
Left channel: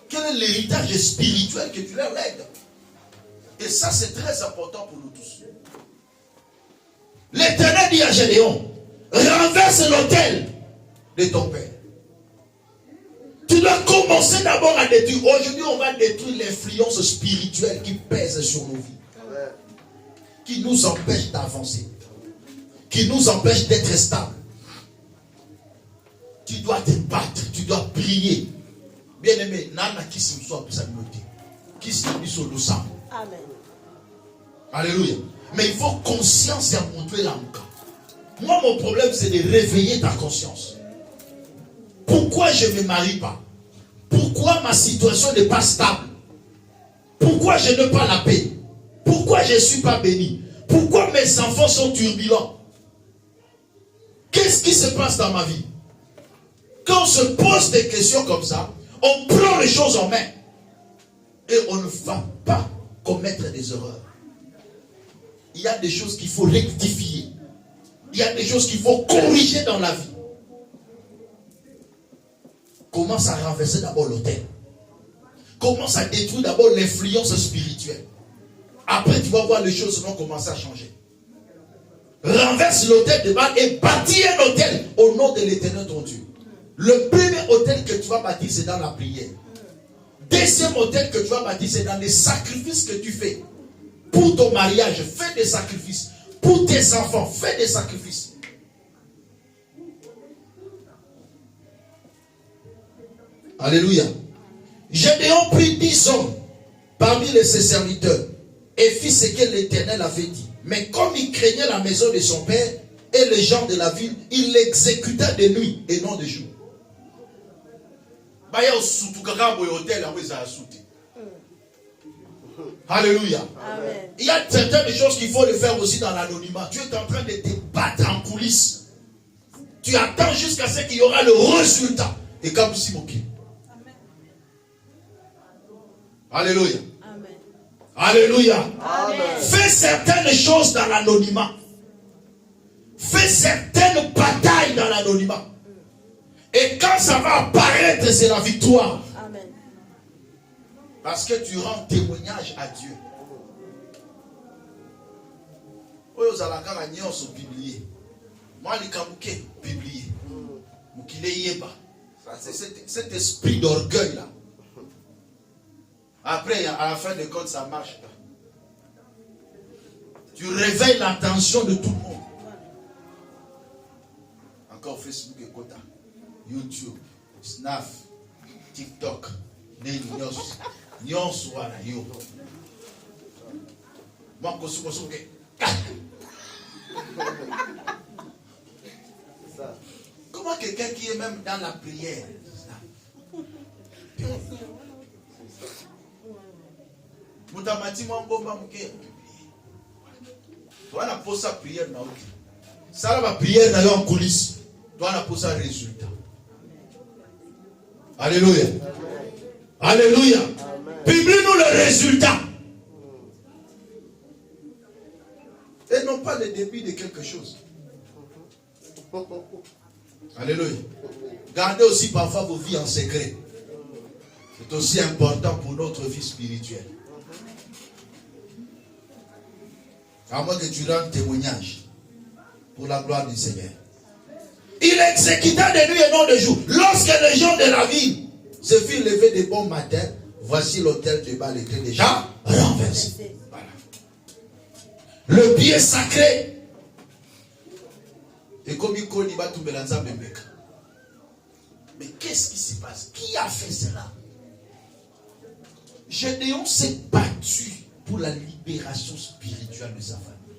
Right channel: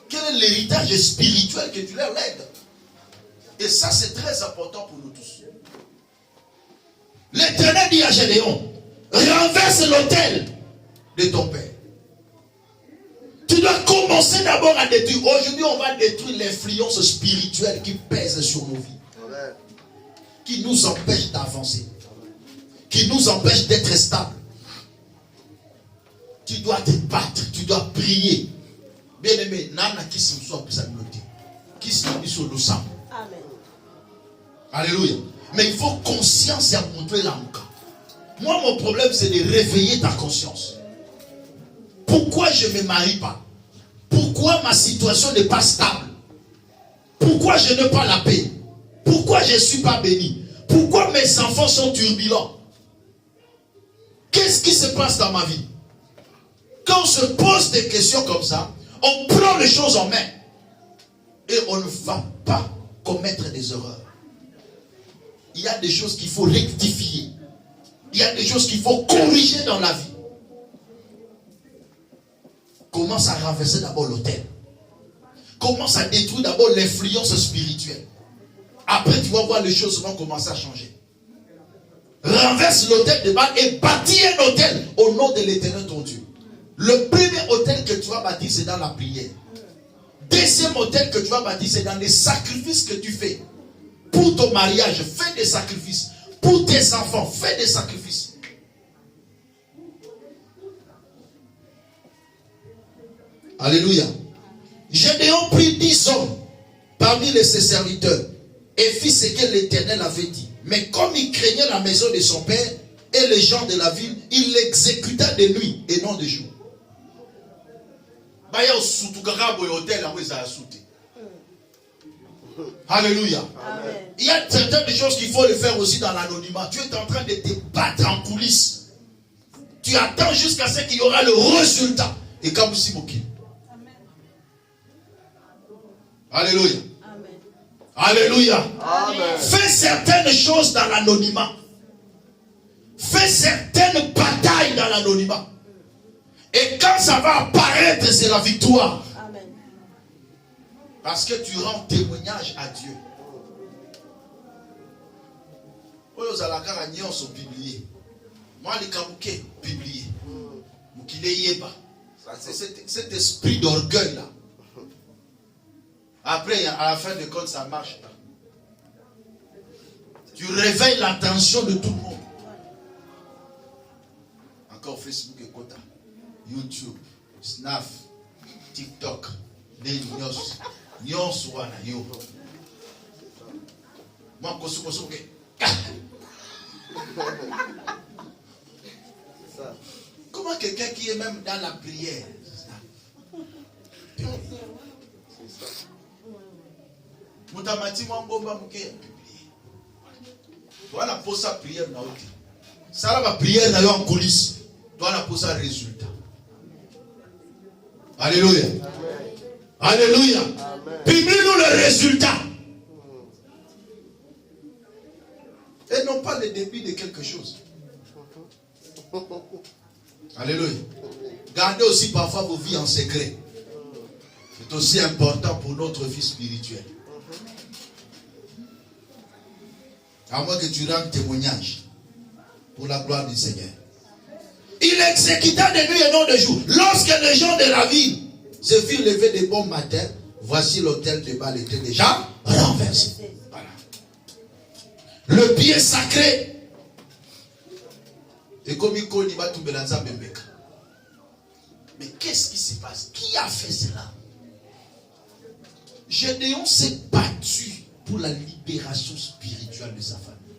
Quel est l'héritage spirituel que tu leur lègues? Et ça, c'est très important pour nous tous. L'Éternel dit à Gédéon, renverse l'autel de ton père. Tu dois commencer d'abord à détruire. Aujourd'hui, on va détruire l'influence spirituelle qui pèse sur nos vies. Qui nous empêche d'avancer. Qui nous empêche d'être stable. Tu dois te battre, tu dois prier. Bien aimé, nana qui se soit plus noté. Qui se soit le sang. Amen. Alléluia. Mais il faut conscience et montrer l'amka. Moi, mon problème, c'est de réveiller ta conscience. Pourquoi je ne me marie pas? Pourquoi ma situation n'est pas stable? Pourquoi je n'ai pas la paix? Pourquoi je ne suis pas béni? Pourquoi mes enfants sont turbulents? Qu'est-ce qui se passe dans ma vie? Quand on se pose des questions comme ça, on prend les choses en main. Et on ne va pas commettre des erreurs. Il y a des choses qu'il faut rectifier. Il y a des choses qu'il faut corriger dans la vie. Commence à renverser d'abord l'autel. Commence à détruire d'abord l'influence spirituelle. Après, tu vas voir les choses vont commencer à changer. Renverse l'autel de Baal et bâtis un autel au nom de l'Éternel ton Dieu. Le premier autel que tu vas bâtir, c'est dans la prière. Deuxième autel que tu vas bâtir, c'est dans les sacrifices que tu fais. Pour ton mariage, fais des sacrifices. Pour tes enfants, fais des sacrifices. Alléluia. Gédéon prit 10 hommes parmi ses serviteurs et fit ce que l'Éternel avait dit. Mais comme il craignait la maison de son père et les gens de la ville, il l'exécuta de nuit et non de jour. Alléluia. Amen. Il y a certaines choses qu'il faut le faire aussi dans l'anonymat. Tu es en train de te battre en coulisses. Tu attends jusqu'à ce qu'il y aura le résultat. Et comme si mon Alléluia. Amen. Alléluia. Amen. Fais certaines choses dans l'anonymat. Fais certaines batailles dans l'anonymat. Et quand ça va apparaître, c'est la victoire. Amen. Parce que tu rends témoignage à Dieu. Vous allez publier. Moi, les Kamouké, publier. C'est cet esprit d'orgueil là. Après, à la fin de compte, ça marche pas. Tu réveilles l'attention de tout le monde. Encore Facebook et Kota, YouTube, Snap, TikTok, Nyons wana yo. Moi, kosuke. Comment quelqu'un qui est même dans la prière? Moutamati mwambomba mouke publié. Toi na posa prière na oki. Ça la prière na yo en coulisses. Toi na posa résultat. Alléluia. Alléluia. Publie-nous le résultat. Et non pas le début de quelque chose. Alléluia. Gardez aussi parfois vos vies en secret. C'est aussi important pour notre vie spirituelle. À moins que tu rendes témoignage pour la gloire du Seigneur. Il exécuta de nuit et non de jour. Lorsque les gens de la ville se firent levés de bon matin, voici l'autel de Baal était déjà renversé. Voilà. Le pied sacré. Et comme il connaît pas tout Belanza Bembeka. Mais qu'est-ce qui se passe? Qui a fait cela? Gédéon s'est battu pour la libération spirituelle de sa famille.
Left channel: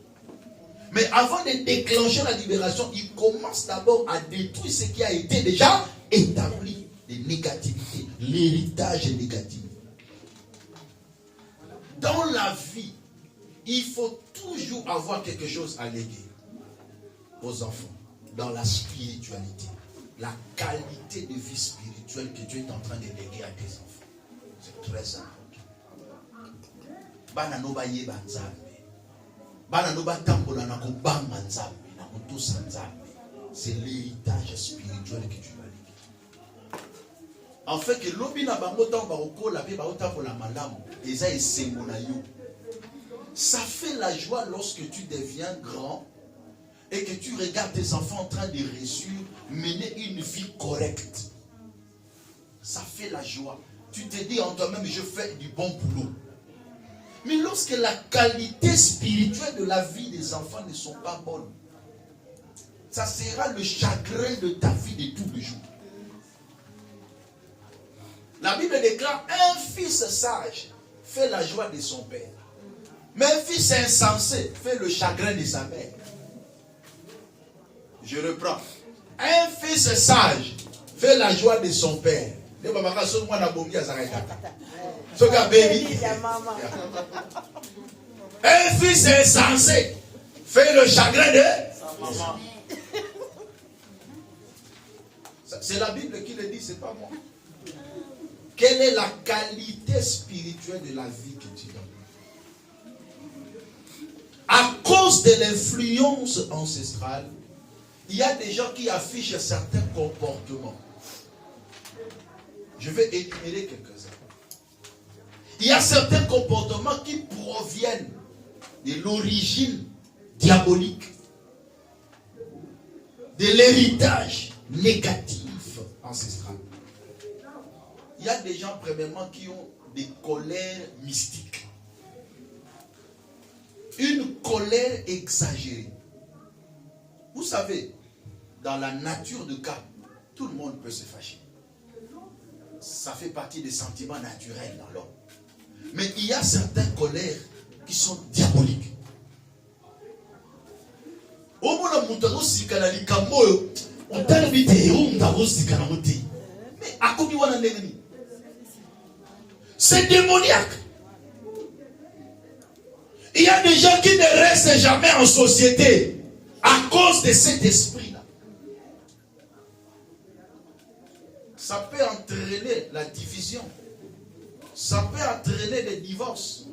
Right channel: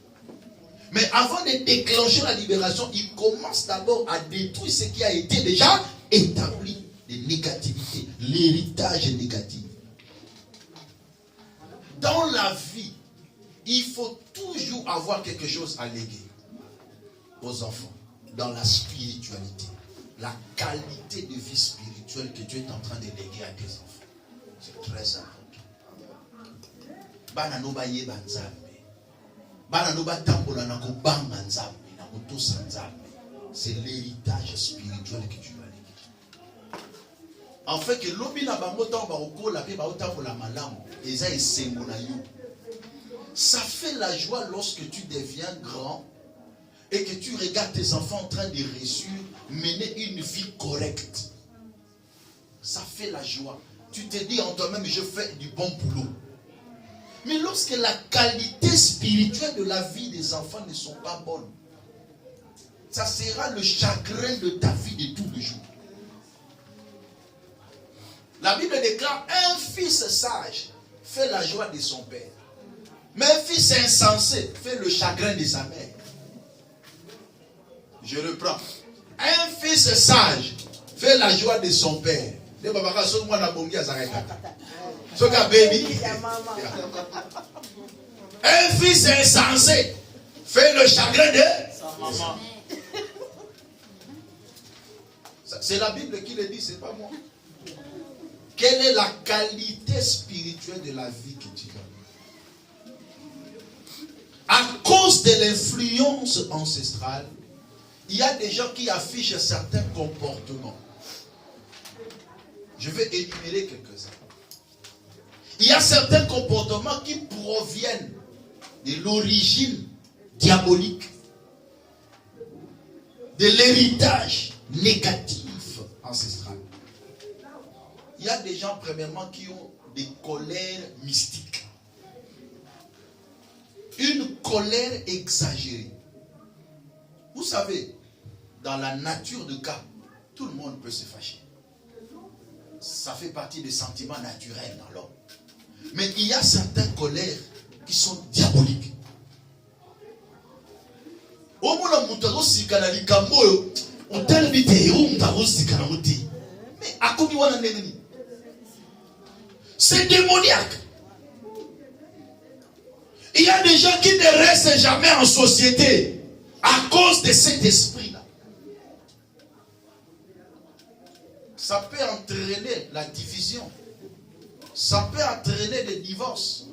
Mais avant de déclencher la libération, il commence d'abord à détruire ce qui a été déjà établi de négativité, l'héritage négatif. Dans la vie, il faut toujours avoir quelque chose à léguer aux enfants, dans la spiritualité, la qualité de vie spirituelle que tu es en train de léguer à tes enfants. C'est très important. Bana no ba yeba nzambe. Bana no ba tambola na kobanga nzambe, na kotosa nzambe. C'est l'héritage spirituel que tu vas léguer. En fait que lobi na bango tan ba kokola pe ba otambola malamu, eza esengo na yo. Ça fait la joie lorsque tu deviens grand et que tu regardes tes enfants en train de réussir, mener une vie correcte. Ça fait la joie. Tu te dis en toi-même, je fais du bon boulot. Mais lorsque la qualité spirituelle de la vie des enfants ne sont pas bonnes, ça sera le chagrin de ta vie de tous les jours. La Bible déclare, un fils sage fait la joie de son père. Mais un fils insensé fait le chagrin de sa mère. Je reprends. Un fils sage fait la joie de son père. Un fils insensé fait le chagrin de... C'est la Bible qui le dit, c'est pas moi. Quelle est la qualité spirituelle de la vie que tu donnes? À cause de l'influence ancestrale, il y a des gens qui affichent certains comportements. Je vais énumérer quelques-uns. Il y a certains comportements qui proviennent de l'origine diabolique, de l'héritage négatif ancestral. Il y a des gens, premièrement, qui ont des colères mystiques. Une colère exagérée. Vous savez, dans la nature de cas, tout le monde peut se fâcher. Ça fait partie des sentiments naturels dans l'homme. Mais il y a certaines colères qui sont diaboliques. C'est démoniaque. Il y a des gens qui ne restent jamais en société à cause de cet esprit-là. Ça peut entraîner la division. Ça peut entraîner des divorces.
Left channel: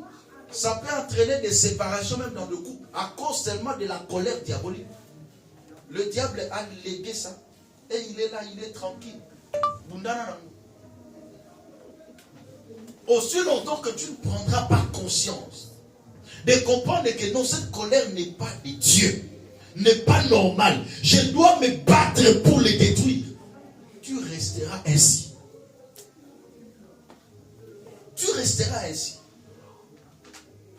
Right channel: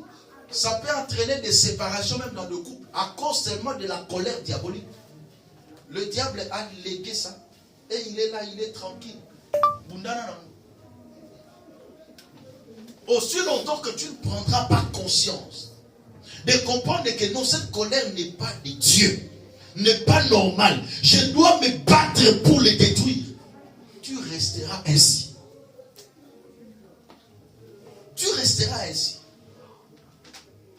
Ça peut entraîner des séparations même dans le couple à cause seulement de la colère diabolique. Le diable a légué ça. Et il est là, il est tranquille. Aussi longtemps que tu ne prendras pas conscience de comprendre que non, cette colère n'est pas de Dieu, n'est pas normale. Je dois me battre pour le détruire. Tu resteras ainsi. Tu resteras ainsi.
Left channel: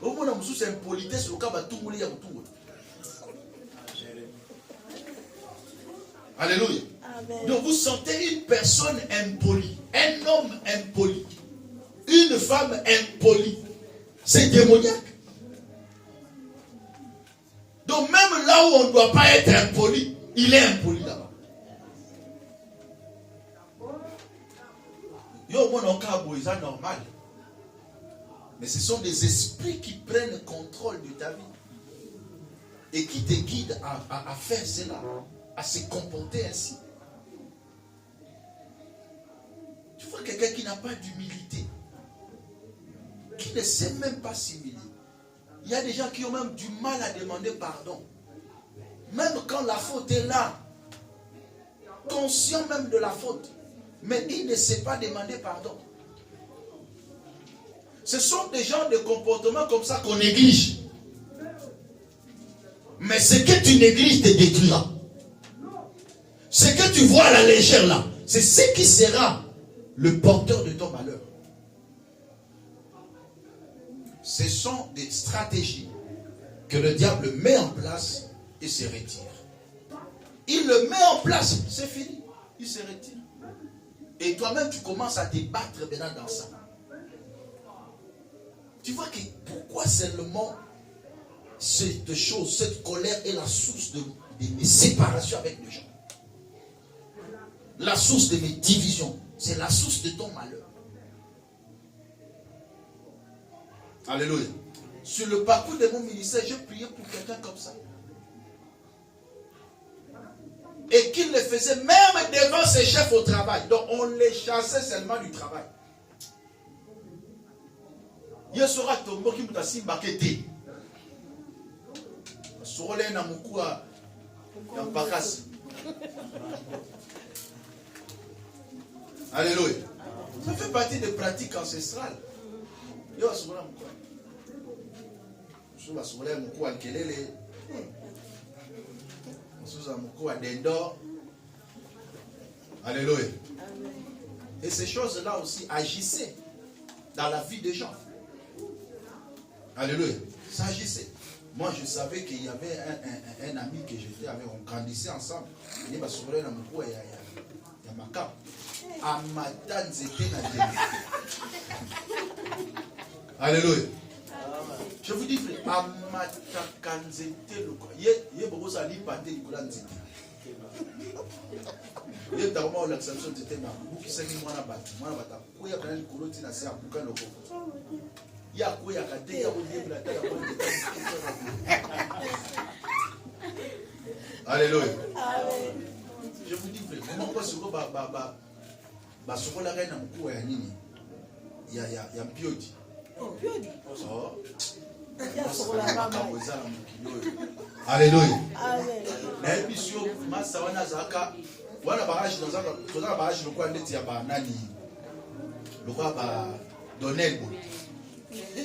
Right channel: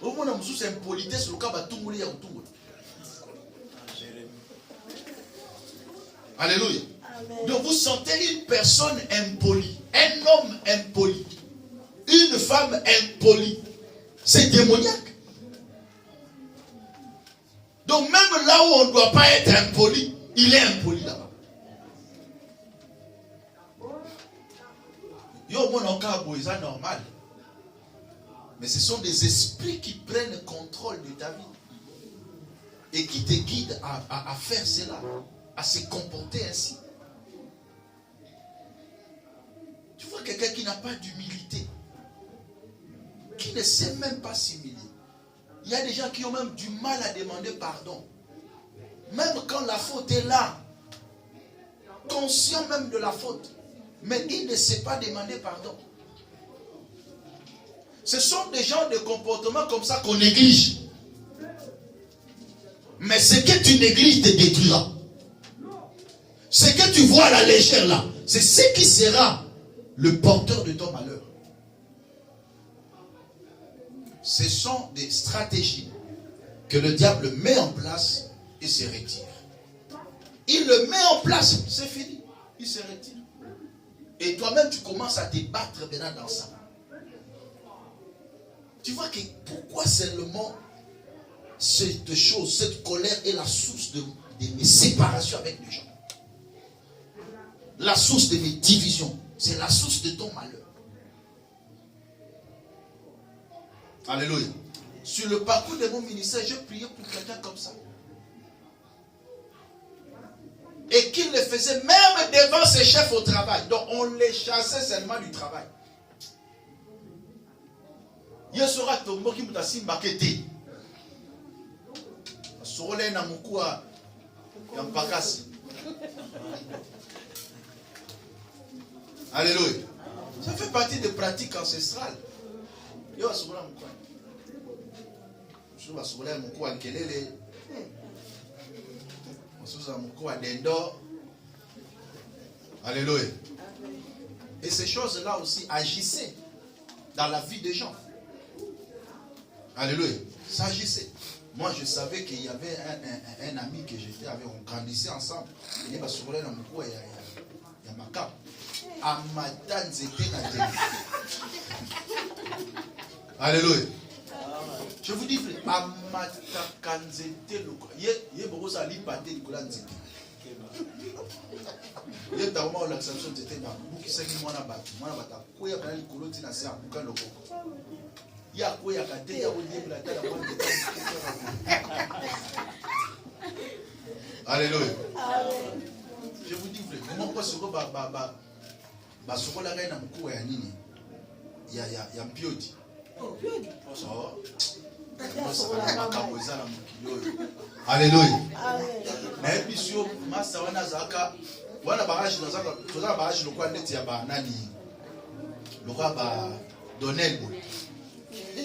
Au moins, nous sommes impolitesse au cas où tu Alléluia. Amen. Donc vous sentez une personne impolie, un homme impoli, une femme impolie. C'est démoniaque. Donc même là où on ne doit pas être impoli, il est impoli là-bas. Yo, mon encabo, c'est normal. Mais ce sont des esprits qui prennent le contrôle de ta vie et qui te guident à faire cela, à se comporter ainsi. Tu vois quelqu'un qui n'a pas d'humilité, qui ne sait même pas s'humilier. Il y a des gens qui ont même du mal à demander pardon. Même quand la faute est là, conscient même de la faute, mais il ne sait pas demander pardon. Ce sont des gens de comportement comme ça qu'on néglige. Mais ce que tu négliges te détruira. Ce que tu vois à la légère là, c'est ce qui sera le porteur de ton malheur. Ce sont des stratégies que le diable met en place et se retire. Il le met en place, c'est fini. Il se retire. Et toi-même, tu commences à te battre maintenant dans ça. Tu vois que pourquoi seulement cette chose, cette colère est la source de mes séparations avec les gens. La source de mes divisions. C'est la source de ton malheur. Alléluia. Sur le parcours de mon ministère, je priais pour quelqu'un comme ça. Et qu'il le faisait même devant ses chefs au travail. Donc on les chassait seulement du travail. Il sera tombé qui m'a dit maqueté. Sur les namukua yampakas. Alléluia. Ça fait partie des pratiques ancestrales. Yo sur la mukua. Sur la mukua kelele. Sur la mukua dendo. Alléluia. Et ces choses-là aussi agissaient dans la vie des gens. Alléluia. Ça agissait. Moi, je savais qu'il y avait un ami que j'étais avec. On grandissait ensemble. Il y a souvent un mot, il y a ma cape. Amatan zete na télé. Alléluia. Je vous dis, frère, amatakan zete le quoi. Il y a beaucoup de salles pâté du couleur zete. Il y a des moments où l'exception zete ma bouki s'est mis moi na bâti. Moi na bâti. Où il y a quand même couleur tina c'est un boucan le coco. Il y a quoi, il y a il y a la tête Alléluia. Je vous dis, comment pas ce que la reine a beaucoup à nini. Il y a piodi. Alléluia. Mais bisou, massa wana zaka, wana barrage dans zaka, toza barrage le quoi ndeti ya ba nani. Le quoi ba Donnel.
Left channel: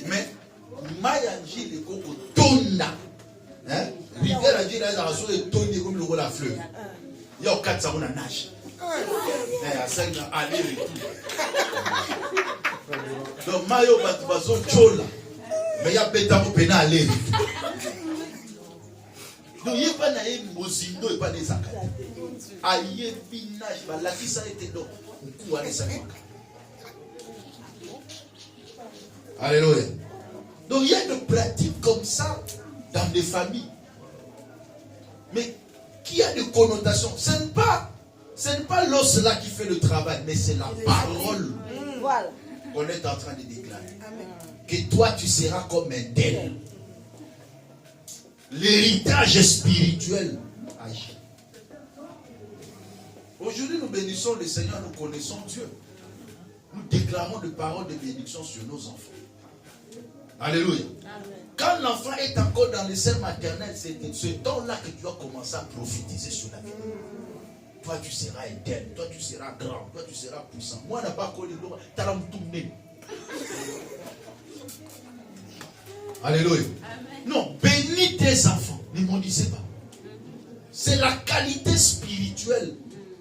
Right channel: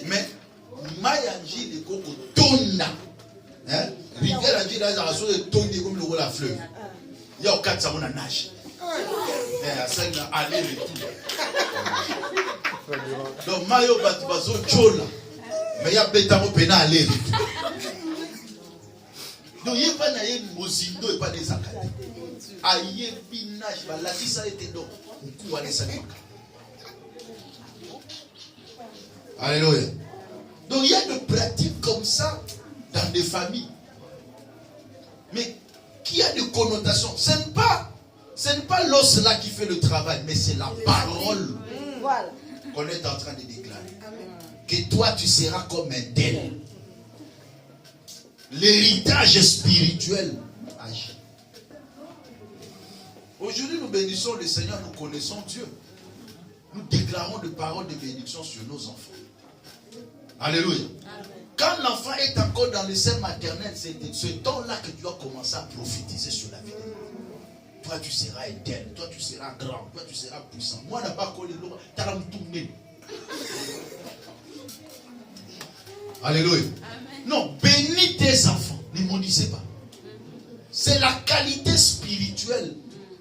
Mais Mayanji le coco tonda. Hein? Rivière Anji là, ça a tourné comme le rôle à fleuve. Il y a 4 savons à nage. À 5 aller retour. Donc Mayo Batibazo Chola. Mais il y a Betamo Pena aller. Donc il n'y a pas de Mozindo et pas des Zakati. Aïe Binage, la qui ça était donc. Alléluia. Donc il y a des pratiques comme ça dans des familles. Mais qui a des connotations. Ce n'est pas l'os là qui fait le travail, mais c'est la parole qu'on est en train de déclarer. Que toi tu seras comme un tel. L'héritage spirituel agit. Aujourd'hui, nous bénissons le Seigneur, nous connaissons Dieu. Nous déclarons des paroles de bénédiction sur nos enfants. Alléluia. Amen. Quand l'enfant est encore dans le sein maternel, c'est ce temps-là que tu dois commencer à prophétiser sur la vie. Toi, tu seras éternel. Toi, tu seras grand. Toi, tu seras puissant. Moi, je n'ai pas connu l'eau. Alléluia. Amen. Non, bénis tes enfants. Ne maudissez pas. C'est la qualité spirituelle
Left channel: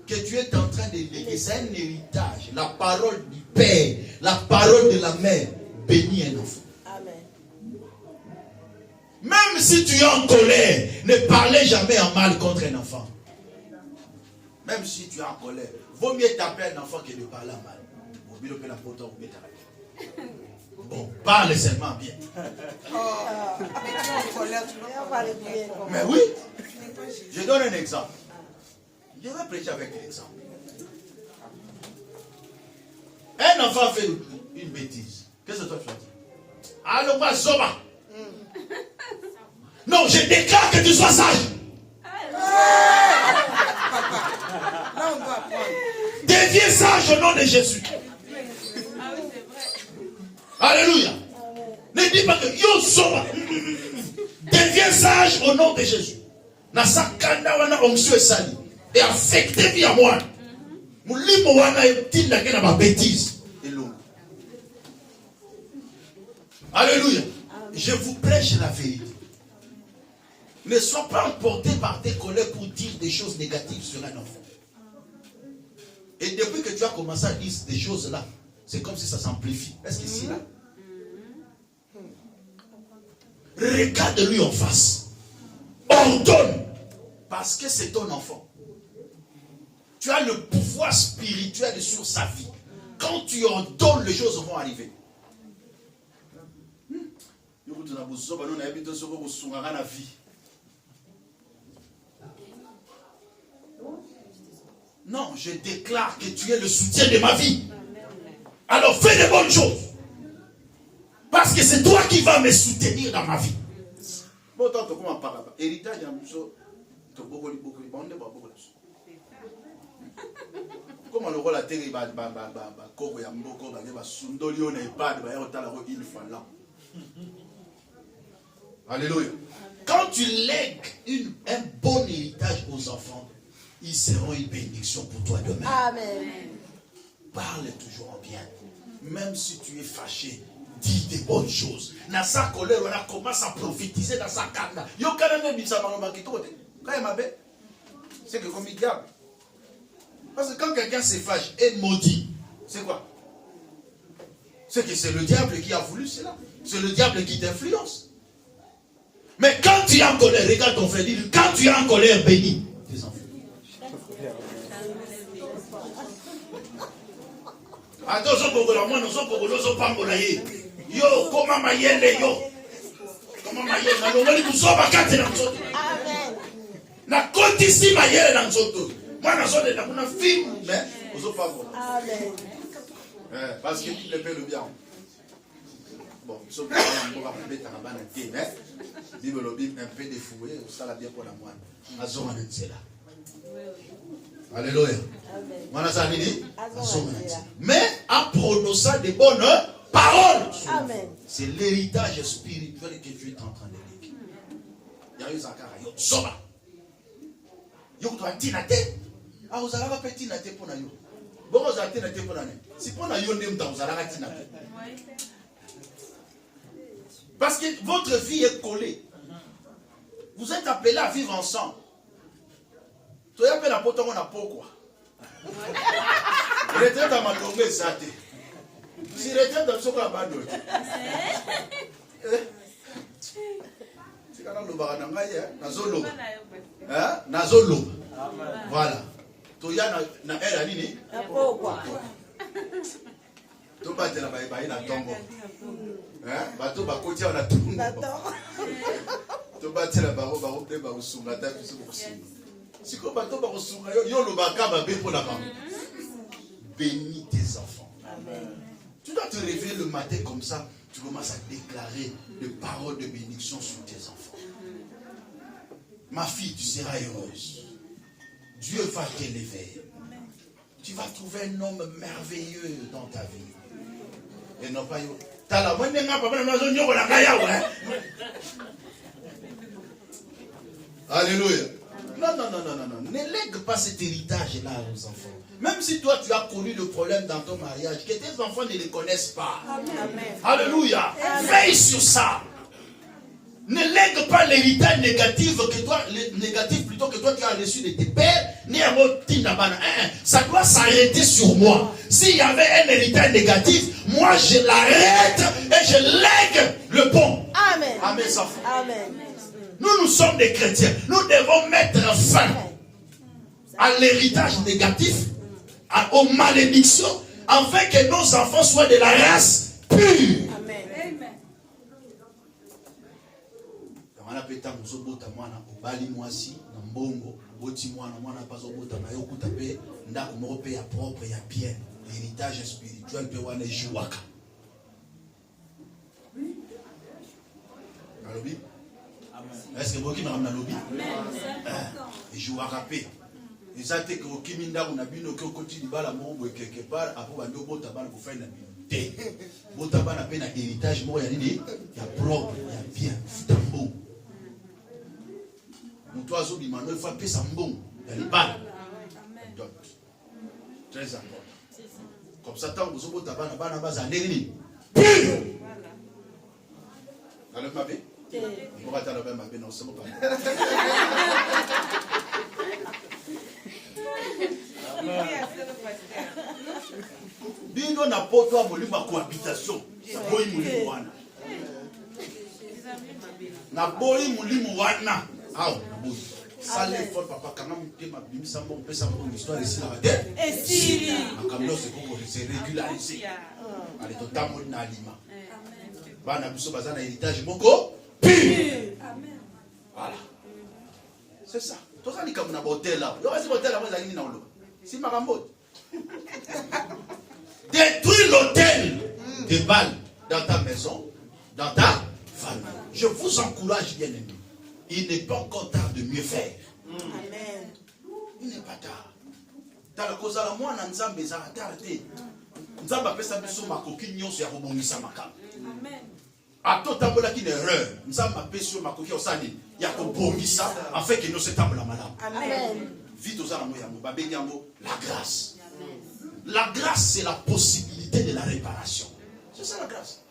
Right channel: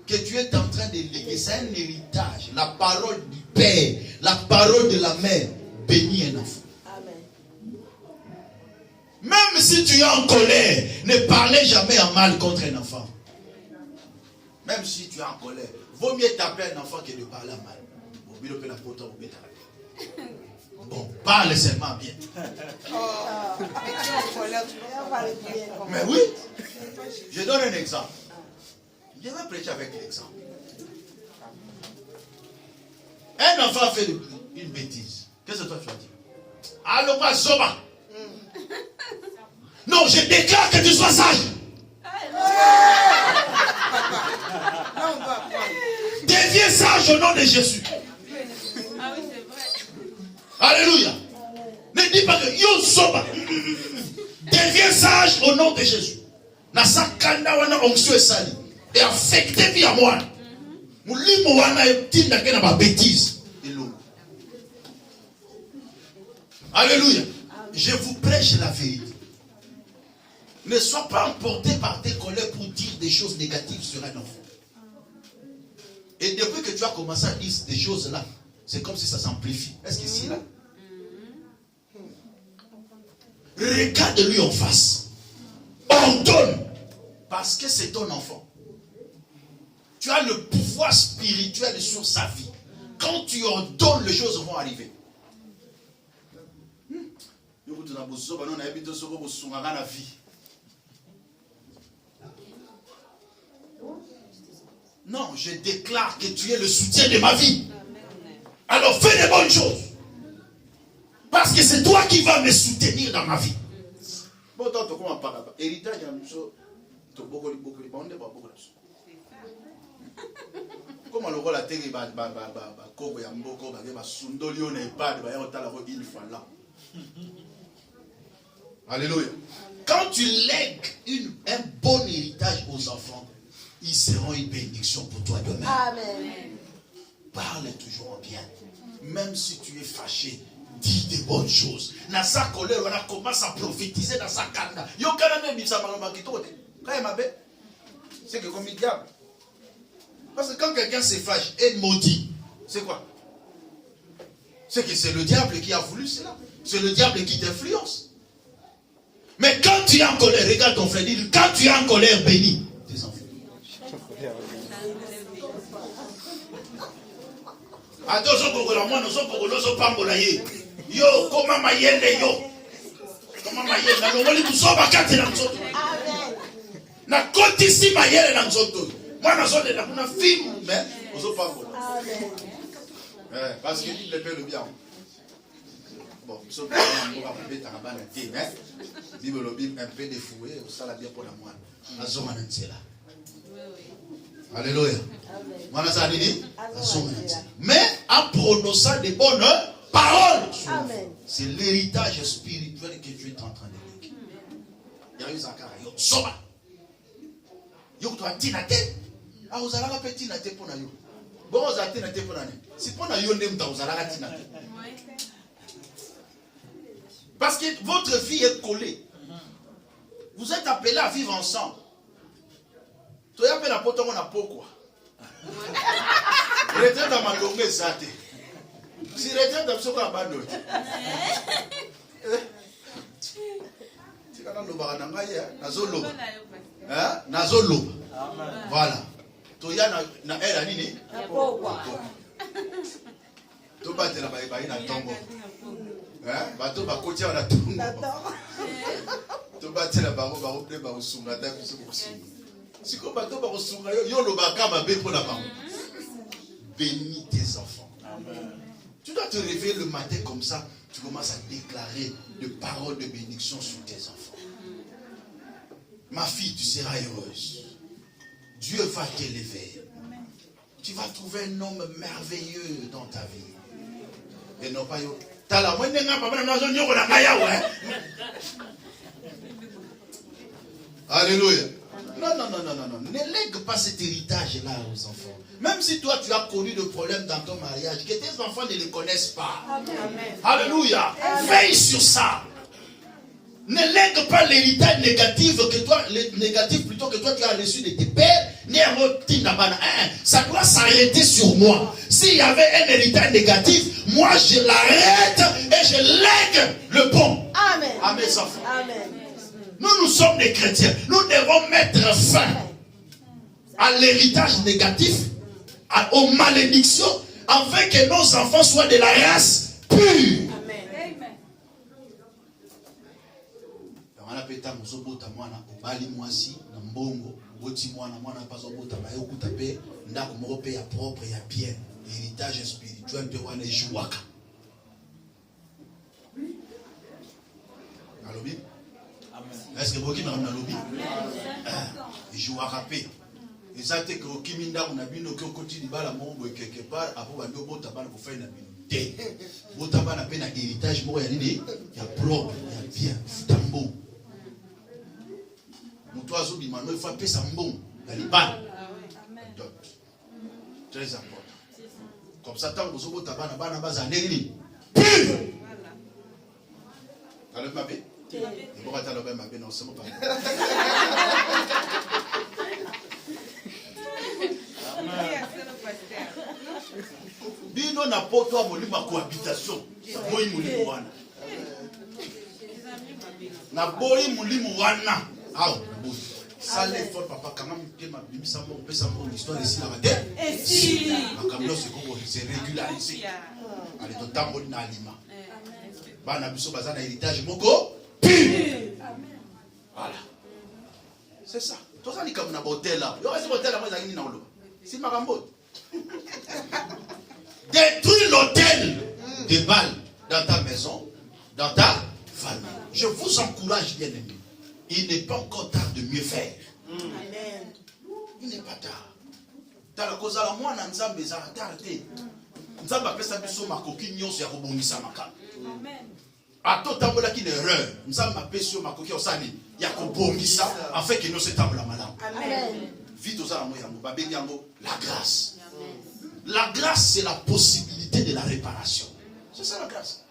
que tu es en train de léguer. C'est un héritage. La parole du Père, la parole de la mère. Bénis un enfant. Même si tu es en colère, ne parlez jamais en mal contre un enfant. Même si tu es en colère, vaut mieux taper un enfant que de parler en mal. Bon, parle seulement bien. Mais oui, je donne un exemple. Je vais prêcher avec l'exemple. Un enfant fait une bêtise. Qu'est-ce que toi tu as dit? Allô, pas Zoba. Non, je déclare que tu sois sage. Deviens sage au nom de Jésus. Alléluia. Ne dis pas que yo soba. Deviens sage au nom de Jésus. Nasa kanda wana onction esali. Et affecté via moi. Mulimo wana etinda kena ba bêtise. Alléluia. Je vous prêche la vérité. Ne sois pas emporté par tes colères pour dire des choses négatives sur un enfant. Et depuis que tu as commencé à dire des choses là, c'est comme si ça s'amplifie. Est-ce que c'est là? Regarde-lui en face. Ordonne. Parce que c'est ton enfant. Tu as le pouvoir spirituel sur sa vie. Quand tu ordonnes, les choses vont arriver. Non, je déclare que tu es le soutien de ma vie. Alors fais des bonnes choses. Parce que c'est toi qui vas me soutenir dans ma vie. Comment le rôle a été Alléluia. Quand tu lègues un bon héritage aux enfants, ils seront une bénédiction pour toi demain. Amen. Parle toujours en bien. Même si tu es fâché, dis des bonnes choses. Dans sa colère, on commence à prophétiser dans sa kanda. C'est que comme il diable. Parce que quand quelqu'un se fâche et maudit, c'est quoi? C'est que c'est le diable qui a voulu cela. C'est le diable qui t'influence. Mais quand tu es en colère, regarde ton frère, dis, quand tu es en colère, bénis tes enfants. Attention, moi, nous sommes pas molaye. Yo, comment ma yelle, yo? Comment ma yelle? Na longoli kuso bakate na nzoto. Na koti ici ma yelle na nzoto. Moi, na zone na kuna film, mais nous sommes pas molaye. Amen. Parce que Bible fait le bien. Bon, nous sommes pas molaye, t'as pas été, mais Bible un peu défoué, ça la bien pour la moine. Na zone na nzela. Alléluia. Mais en prononçant des bonnes paroles, c'est l'héritage spirituel que Dieu est en train de léguer. Il y a eu Zakara, yo soba. Yo to atinate. Ah vous allez pas tinate pour na yo. Bon vous allez tinate pour na ne. Si pour na yo ndem ta vous allez tinate. Parce que votre vie est collée. Vous êtes appelés à vivre ensemble. Tu as appelé la porte on a pourquoi. Retraite à ma longue zate. Si retraite à soko abandonné. Si kana lo ba na ngai nazolo. Nazolo. Voilà. To ya na era nini? Pourquoi? To ba tela ba na tombo. Hein? Bateau, bah, côté, on a tout. Tu vas te la barre, bah, on peut pas au si comme bateau, bah, on yo le baka, bah, pour la barre. Bénis tes enfants. Amen. Tu dois te réveiller le matin comme ça. Tu commences à déclarer des paroles de bénédiction sur tes enfants. Ma fille, tu seras heureuse. Dieu va t'élever. Tu vas trouver un homme merveilleux dans ta vie. Et non pas yo. T'as la moindre Alléluia. Non. Ne lègue pas cet héritage-là aux enfants. Même si toi, tu as connu le problème dans ton mariage, que tes enfants ne le connaissent pas. Amen. Alléluia. Veille sur ça. Ne lègue pas l'héritage négatif que toi, plutôt que toi tu as reçu de tes pères. Ça doit s'arrêter sur moi. S'il y avait un héritage négatif, moi je l'arrête et je lègue le bon. Amen. À mes enfants. Amen. Nous sommes des chrétiens. Nous devons mettre fin à l'héritage négatif, aux malédictions, afin que nos enfants soient de la race pure. Amen. L'héritage spirituel de Wane Jouaka. Est-ce que vous avez un lobby? Jouaka paix. Et ça, c'est que Kiminda, on a vu nos côtés de la monde quelque part, après, on a Botaban pour faire une vie. Botaban a fait un héritage, moi, il y a propre, il y a bien, tambo. Mon oiseau dit, il faut appeler ça bon, il y a les balles. Très important. Comme ça, tant que vous avez un tabac, vous avez un ennemi. Pire! Alors, ma belle? Pourquoi tu as le même non, c'est mon père. Bino na poto a molimo cohabitation. Na boyi molimo wana. Na boyi molimo wana. Ah, na boyi. Sale fort papa quand même tema bimisa mo pesa mo histoire ici la tête. Et si akamlo c'est régularisé. Allez to tambo na alima. Bana biso bazana héritage moko. Voilà. C'est ça. Tout ça, c'est comme un hôtel là. Il y a un hôtel là, c'est Marambo. Détruis l'hôtel de balles dans ta maison, dans ta famille. Je vous encourage, bien aimé. Il n'est pas encore tard de mieux faire. Amen. Il n'est pas tard. Dans la cause à la moine, nous avons besoin de tarder. Nous avons besoin de faire ma coquille, nous avons besoin de faire Amen. A tout temps là qui est erreur, nous avons appelé sur ma coquille au sani, il y a qu'on ça, afin que nous sommes la madame. Amen. Vite aux armes, la grâce. La grâce, c'est la possibilité de la réparation. C'est ça la grâce.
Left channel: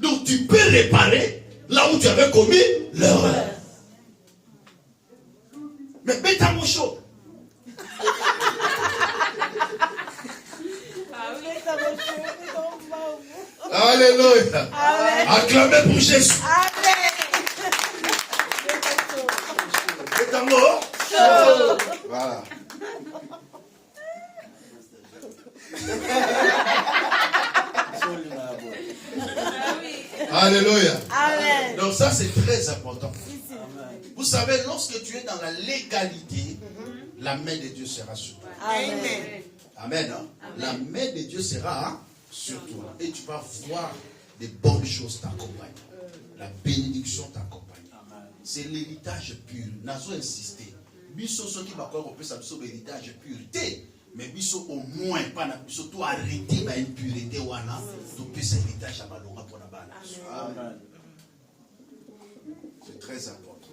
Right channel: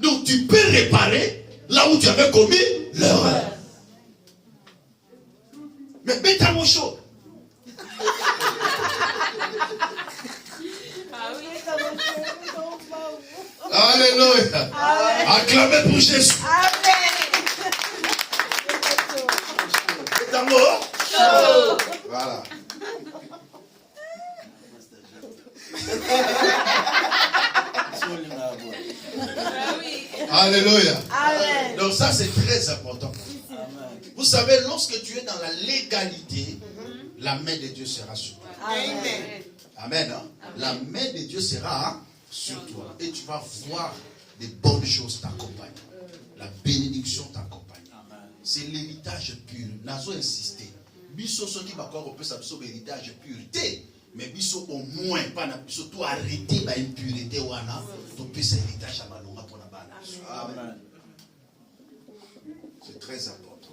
Donc tu peux réparer là où tu avais commis l'erreur. Mais bêta mon chaud. Alléluia. Acclamez pour Jésus. C'est un mot. Voilà. Alléluia. Amen. Donc ça c'est très important. Vous savez, lorsque tu es dans la légalité, la main de Dieu sera sur toi. Amen. Amen. Hein? La main de Dieu sera sur toi. Et tu vas voir des bonnes choses t'accompagner. La bénédiction t'accompagne. C'est l'héritage pur. Nazo insister. Biso so qui va quoi on peut s'absorber l'héritage pureté. Mais biso au moins pas na biso tout arrêter ba impureté wana. Tu peux ça héritage à malonga pour la bana. Amen. C'est très important.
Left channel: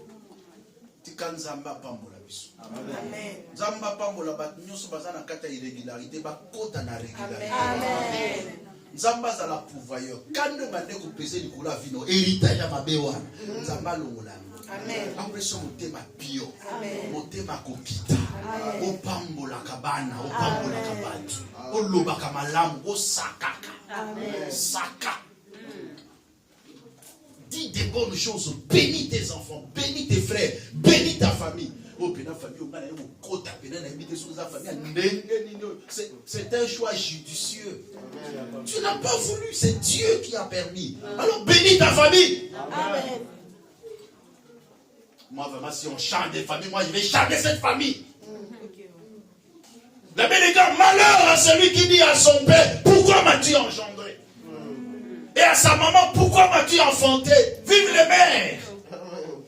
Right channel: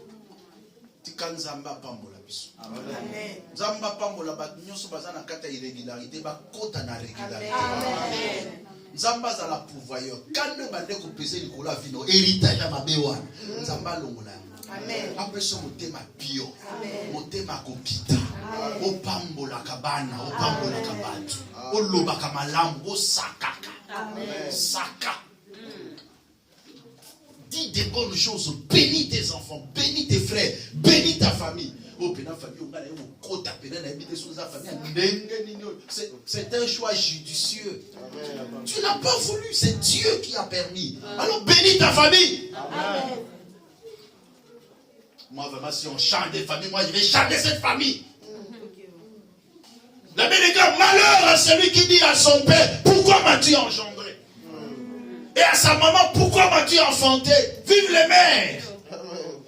Tikanzamba pambola biso. Amen. Zamba pambola ba nyoso bazana kata irrégularité ba kota na régularité. Amen. Nzamba za la pourvoyeur. Quand nous bandé ko peser likolo la vino héritage ya mabewa. Nzamba longola. Amen. Après ce motema pio. Motema kokita. O pambola kabana, o pambola kabatu. O loba kamalamu, o sakaka. Amen. Saka. Dis des bonnes choses, bénis tes enfants, bénis tes frères, bénis ta famille. C'est un choix judicieux. Tu n'as pas voulu, c'est Dieu qui a permis. Alors bénis ta famille. Amen. Moi, vraiment, si on chante des familles, moi, je vais chanter cette famille. La belle gars, malheur à celui qui dit à son père, pourquoi m'as-tu engendré? Et à sa maman, pourquoi m'as-tu enfanté? Vive les mères.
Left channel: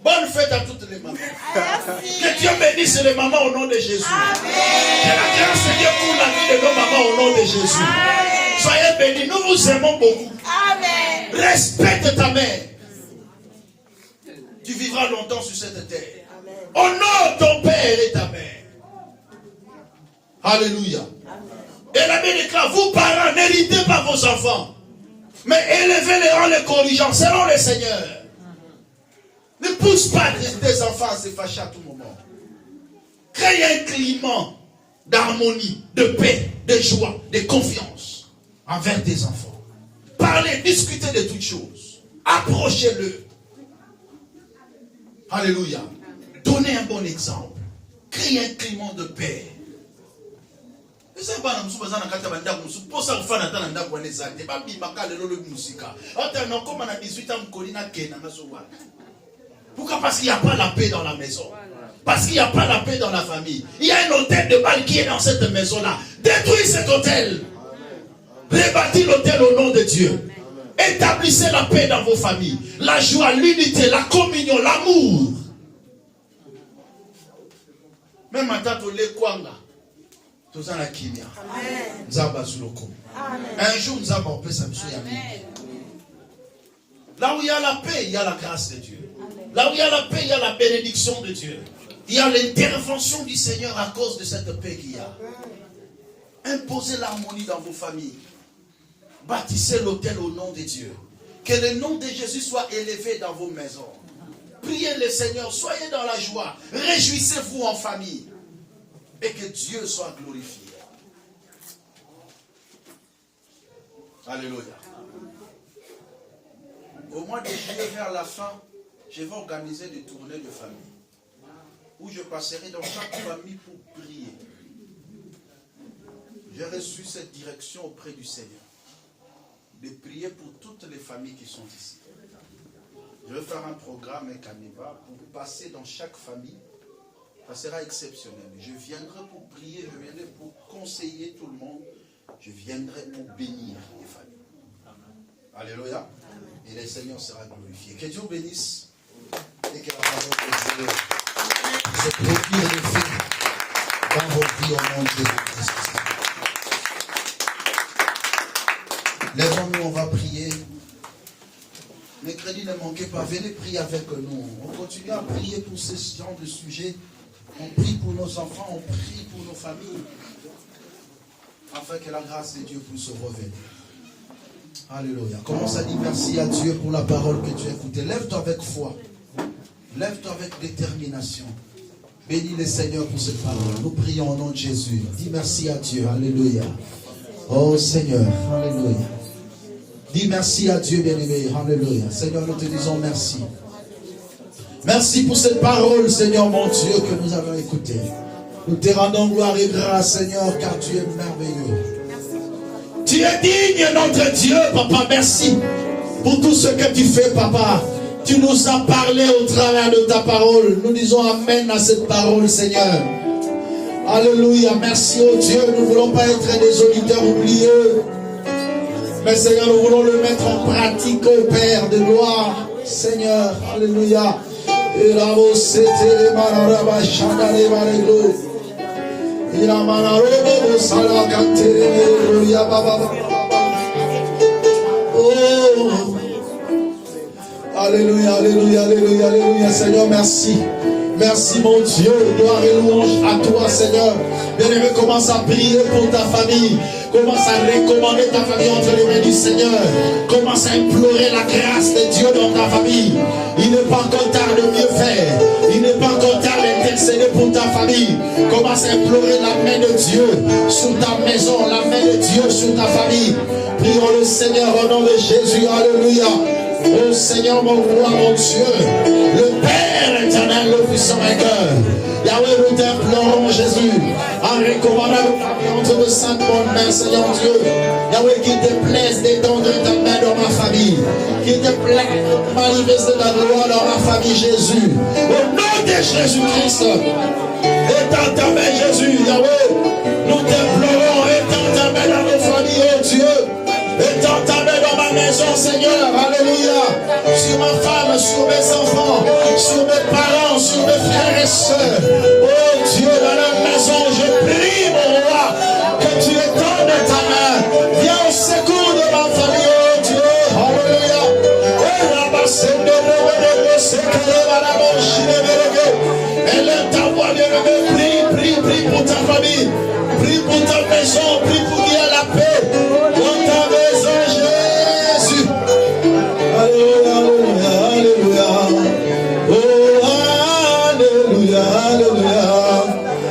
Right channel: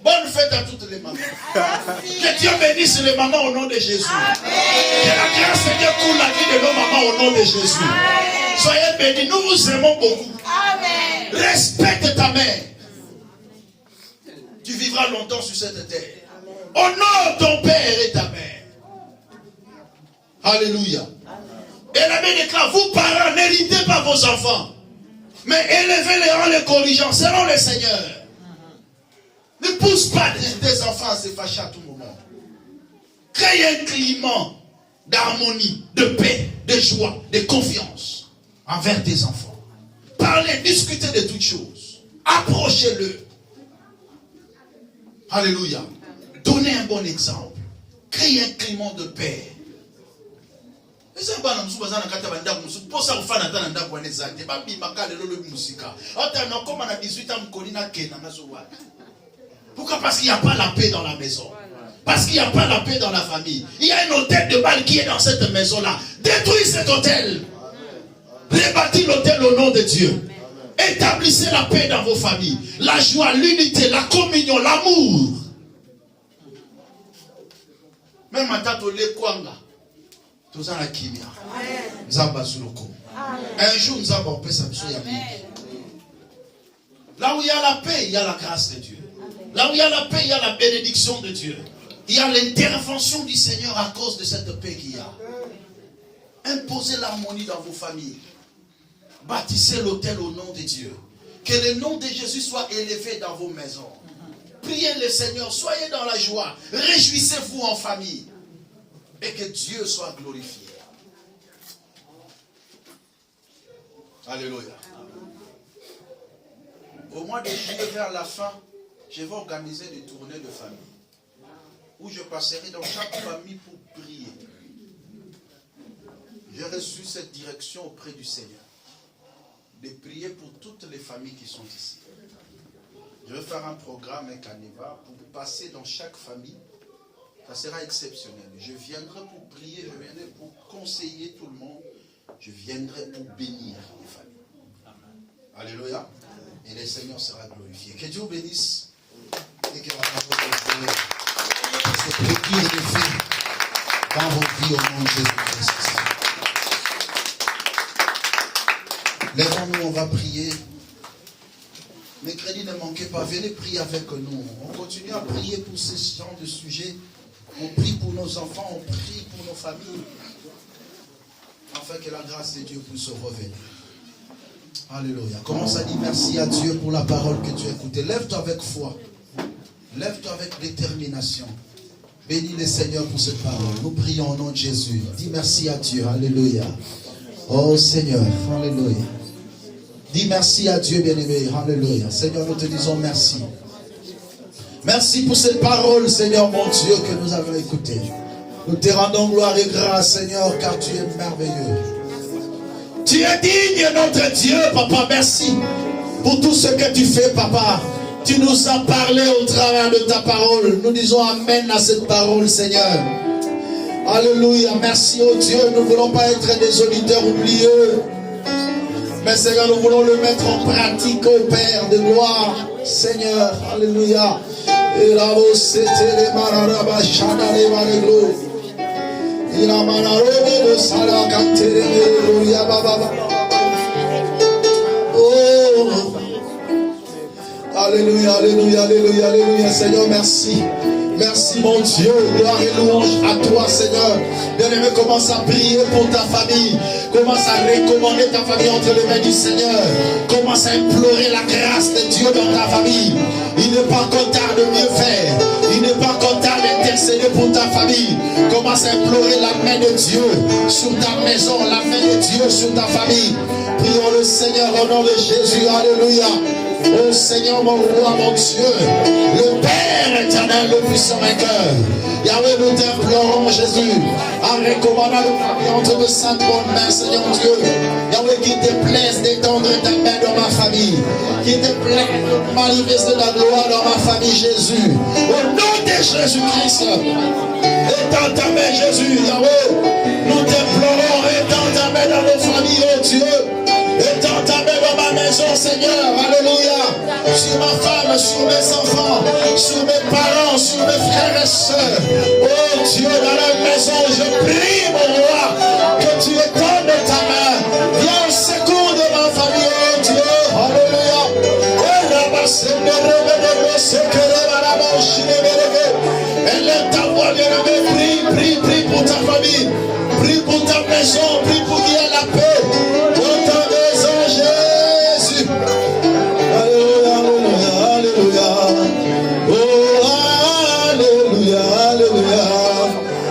Bonne fête à toutes les mamans. Que Dieu bénisse les mamans au nom de Jésus. Amen. Que la grâce de Dieu coule la vie de nos mamans au nom de Jésus. Amen. Soyez bénis, nous vous aimons beaucoup. Amen. Respecte ta mère. Tu vivras longtemps sur cette terre. Amen. Honore ton père et ta mère. Alléluia. Amen. Et la Bible déclare, vous parents, n'héritez pas vos enfants, mais élevez-les en les corrigeant selon le Seigneur. Ne pousse pas tes enfants à se fâcher à tout moment. Crée un climat d'harmonie, de paix, de joie, de confiance envers tes enfants. Parlez, discutez de toutes choses. Approchez-le. Alléluia. Donnez un bon exemple. Créez un climat de paix. Pourquoi? Parce qu'il n'y a pas la paix dans la maison. Parce qu'il n'y a pas la paix dans la famille. Il y a un hôtel de balle qui est dans cette maison-là. Détruisez cet hôtel. Rebâtis l'hôtel au nom de Dieu. Établissez la paix dans vos familles. La joie, l'unité, la communion, l'amour. Même à Tato Le Kwanga. Tous en la kimia. Nzaba Zuloko. Un jour, nous avons paix, ça là où il y a la paix, il y a la grâce de Dieu. Là où il y a la paix, il y a la bénédiction de Dieu. Il y a l'intervention du Seigneur à cause de cette paix qu'il y a. Imposez l'harmonie dans vos familles. Bâtissez l'autel au nom de Dieu. Que le nom de Jésus soit élevé dans vos maisons. Priez le Seigneur, soyez dans la joie. Réjouissez-vous en famille. Et que Dieu soit glorifié. Alléluia. Au mois de juillet, vers la fin, je vais organiser des tournées de famille. Où je passerai dans chaque famille pour prier. J'ai reçu cette direction auprès du Seigneur. De prier pour toutes les familles qui sont ici. Je vais faire un programme, un canevas, pour passer dans chaque famille. Ça sera exceptionnel. Je viendrai pour prier, je viendrai pour conseiller tout le monde. Je viendrai pour bénir les familles. Alléluia. Et le Seigneur sera glorifié. Que Dieu bénisse. Et que la parole de Dieu se procure des faits dans vos vies au nom de Jésus-Christ. Lèvons-nous, on va prier. Mercredi, ne manquez pas. Venez prier avec nous. On continue à prier pour ce genre de sujets. On prie pour nos enfants, on prie pour nos familles. Afin que la grâce de Dieu puisse revenir. Alléluia. Commence à dire merci à Dieu pour la parole que tu as écoutée. Lève-toi avec foi. Lève-toi avec détermination. Bénis le Seigneur pour cette parole. Nous prions au nom de Jésus. Dis merci à Dieu. Alléluia. Oh Seigneur. Alléluia. Dis merci à Dieu, bien-aimé. Alléluia. Seigneur, nous te disons merci. Merci pour cette parole, Seigneur mon Dieu, que nous avons écoutée. Nous te rendons gloire et grâce, Seigneur, car tu es merveilleux. Tu es digne, notre Dieu, Papa. Merci pour tout ce que tu fais, Papa. Tu nous as parlé au travers de ta parole. Nous disons Amen à cette parole, Seigneur. Alléluia. Merci, oh Dieu. Nous ne voulons pas être des auditeurs oublieux. Mais Seigneur, nous voulons le mettre en pratique, au Père de gloire. Seigneur, Alléluia. Et la voix c'était les manarabas, chanale maleglo. Il a manarabo, salakate, gloria baba. Oh, Alléluia, Alléluia, Alléluia, Alléluia. Seigneur, merci. Merci mon Dieu, gloire et louange à toi Seigneur. Bien-aimé, commence à prier pour ta famille. Commence à recommander ta famille entre les mains du Seigneur. Commence à implorer la grâce de Dieu dans ta famille. Il n'est pas encore tard de mieux faire. Il n'est pas encore tard d'intercéder pour ta famille. Commence à implorer la main de Dieu sur ta maison, la main de Dieu sur ta famille. Prions le Seigneur au nom de Jésus. Alléluia. Oh Seigneur, mon roi, mon Dieu, le Père éternel, le puissant vainqueur. Yahweh, nous t'implorons, Jésus, en recommandant nos familles entre de saintes bonnes mains, Seigneur Dieu. Yahweh, qu'il te plaise d'étendre ta main dans ma famille, qu'il te plaise de manifester la gloire dans ma famille, Jésus. Au nom de Jésus-Christ, étends ta main, Jésus, Yahweh, nous t'implorons, étends ta main dans nos familles, oh Dieu. Étends ta main dans ma maison, Seigneur, alléluia, sur ma femme, sur mes enfants, sur mes parents, sur mes frères et sœurs. Oh Dieu, dans la maison, je prie, mon roi, que tu étendes ta main. Viens au secours de ma famille, oh Dieu, alléluia. Élève ta voix, bien-aimé, prie pour ta famille, prie pour ta maison, prie pour qu'il y ait la paix dans ta maison, Jésus. Alléluia, alléluia, alléluia. Oh, alléluia, alléluia,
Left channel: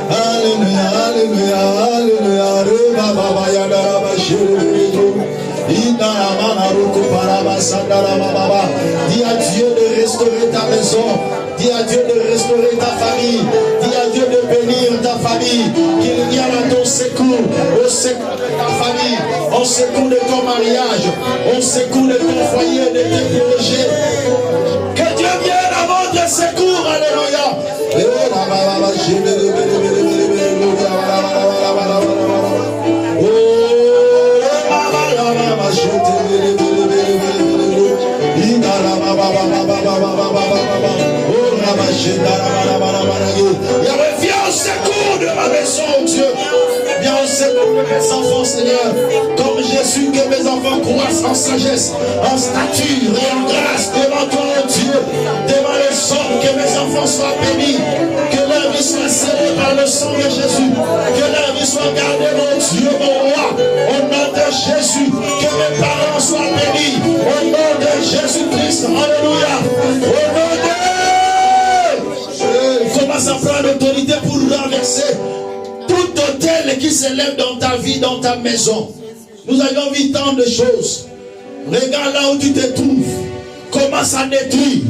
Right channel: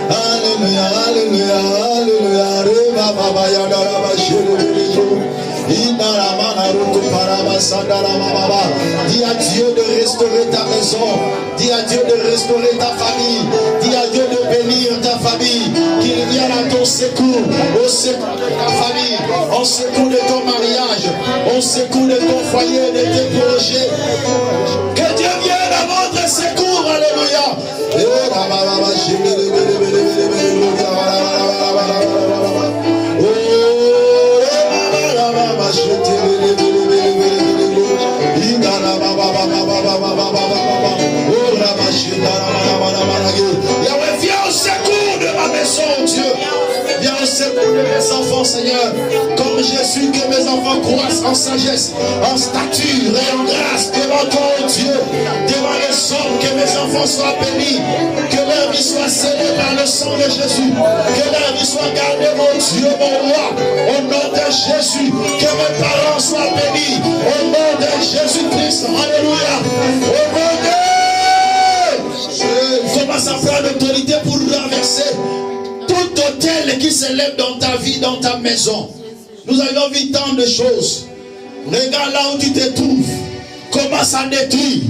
alléluia, alléluia, alléluia. Reba baba yaga raba shiribijo. Ina ramana ruku paraba sandara baba. Dis à Dieu de restaurer ta maison. Dis à Dieu de restaurer ta famille. Dis à Dieu de bénir ta famille. Qu'il vienne à ton secours. Au secours de ta famille. Au secours de ton mariage. Au secours de ton foyer, de tes projets. Que Dieu vienne à votre secours. Alléluia. Yahweh, viens au secours de ma maison, Dieu. Viens au secours de mes enfants, Seigneur. Comme Jésus, que mes enfants croissent en sagesse, en stature et en grâce devant toi, oh Dieu. Devant les hommes, que mes enfants soient bénis. Que leur vie soit scellée par le sang de Jésus. Que leur vie soit gardée, mon Dieu, mon roi. Au nom de Jésus, que mes parents soient bénis. Au nom de Jésus-Christ, alléluia. Au nom de... Commence à prendre l'autorité pour renverser tout hôtel qui s'élève dans ta vie, dans ta maison. Nous avons vu tant de choses. Regarde là où tu te trouves. Commence à détruire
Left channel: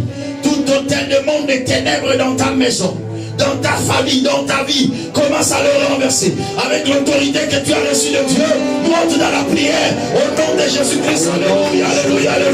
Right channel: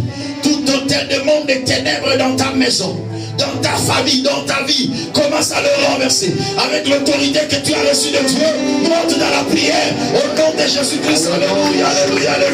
tout hôtel de monde des ténèbres dans ta maison, dans ta famille, dans ta vie. Commence à le renverser. Avec l'autorité que tu as reçue de Dieu, monte dans la prière. Au nom de Jésus-Christ. Alléluia, alléluia, alléluia.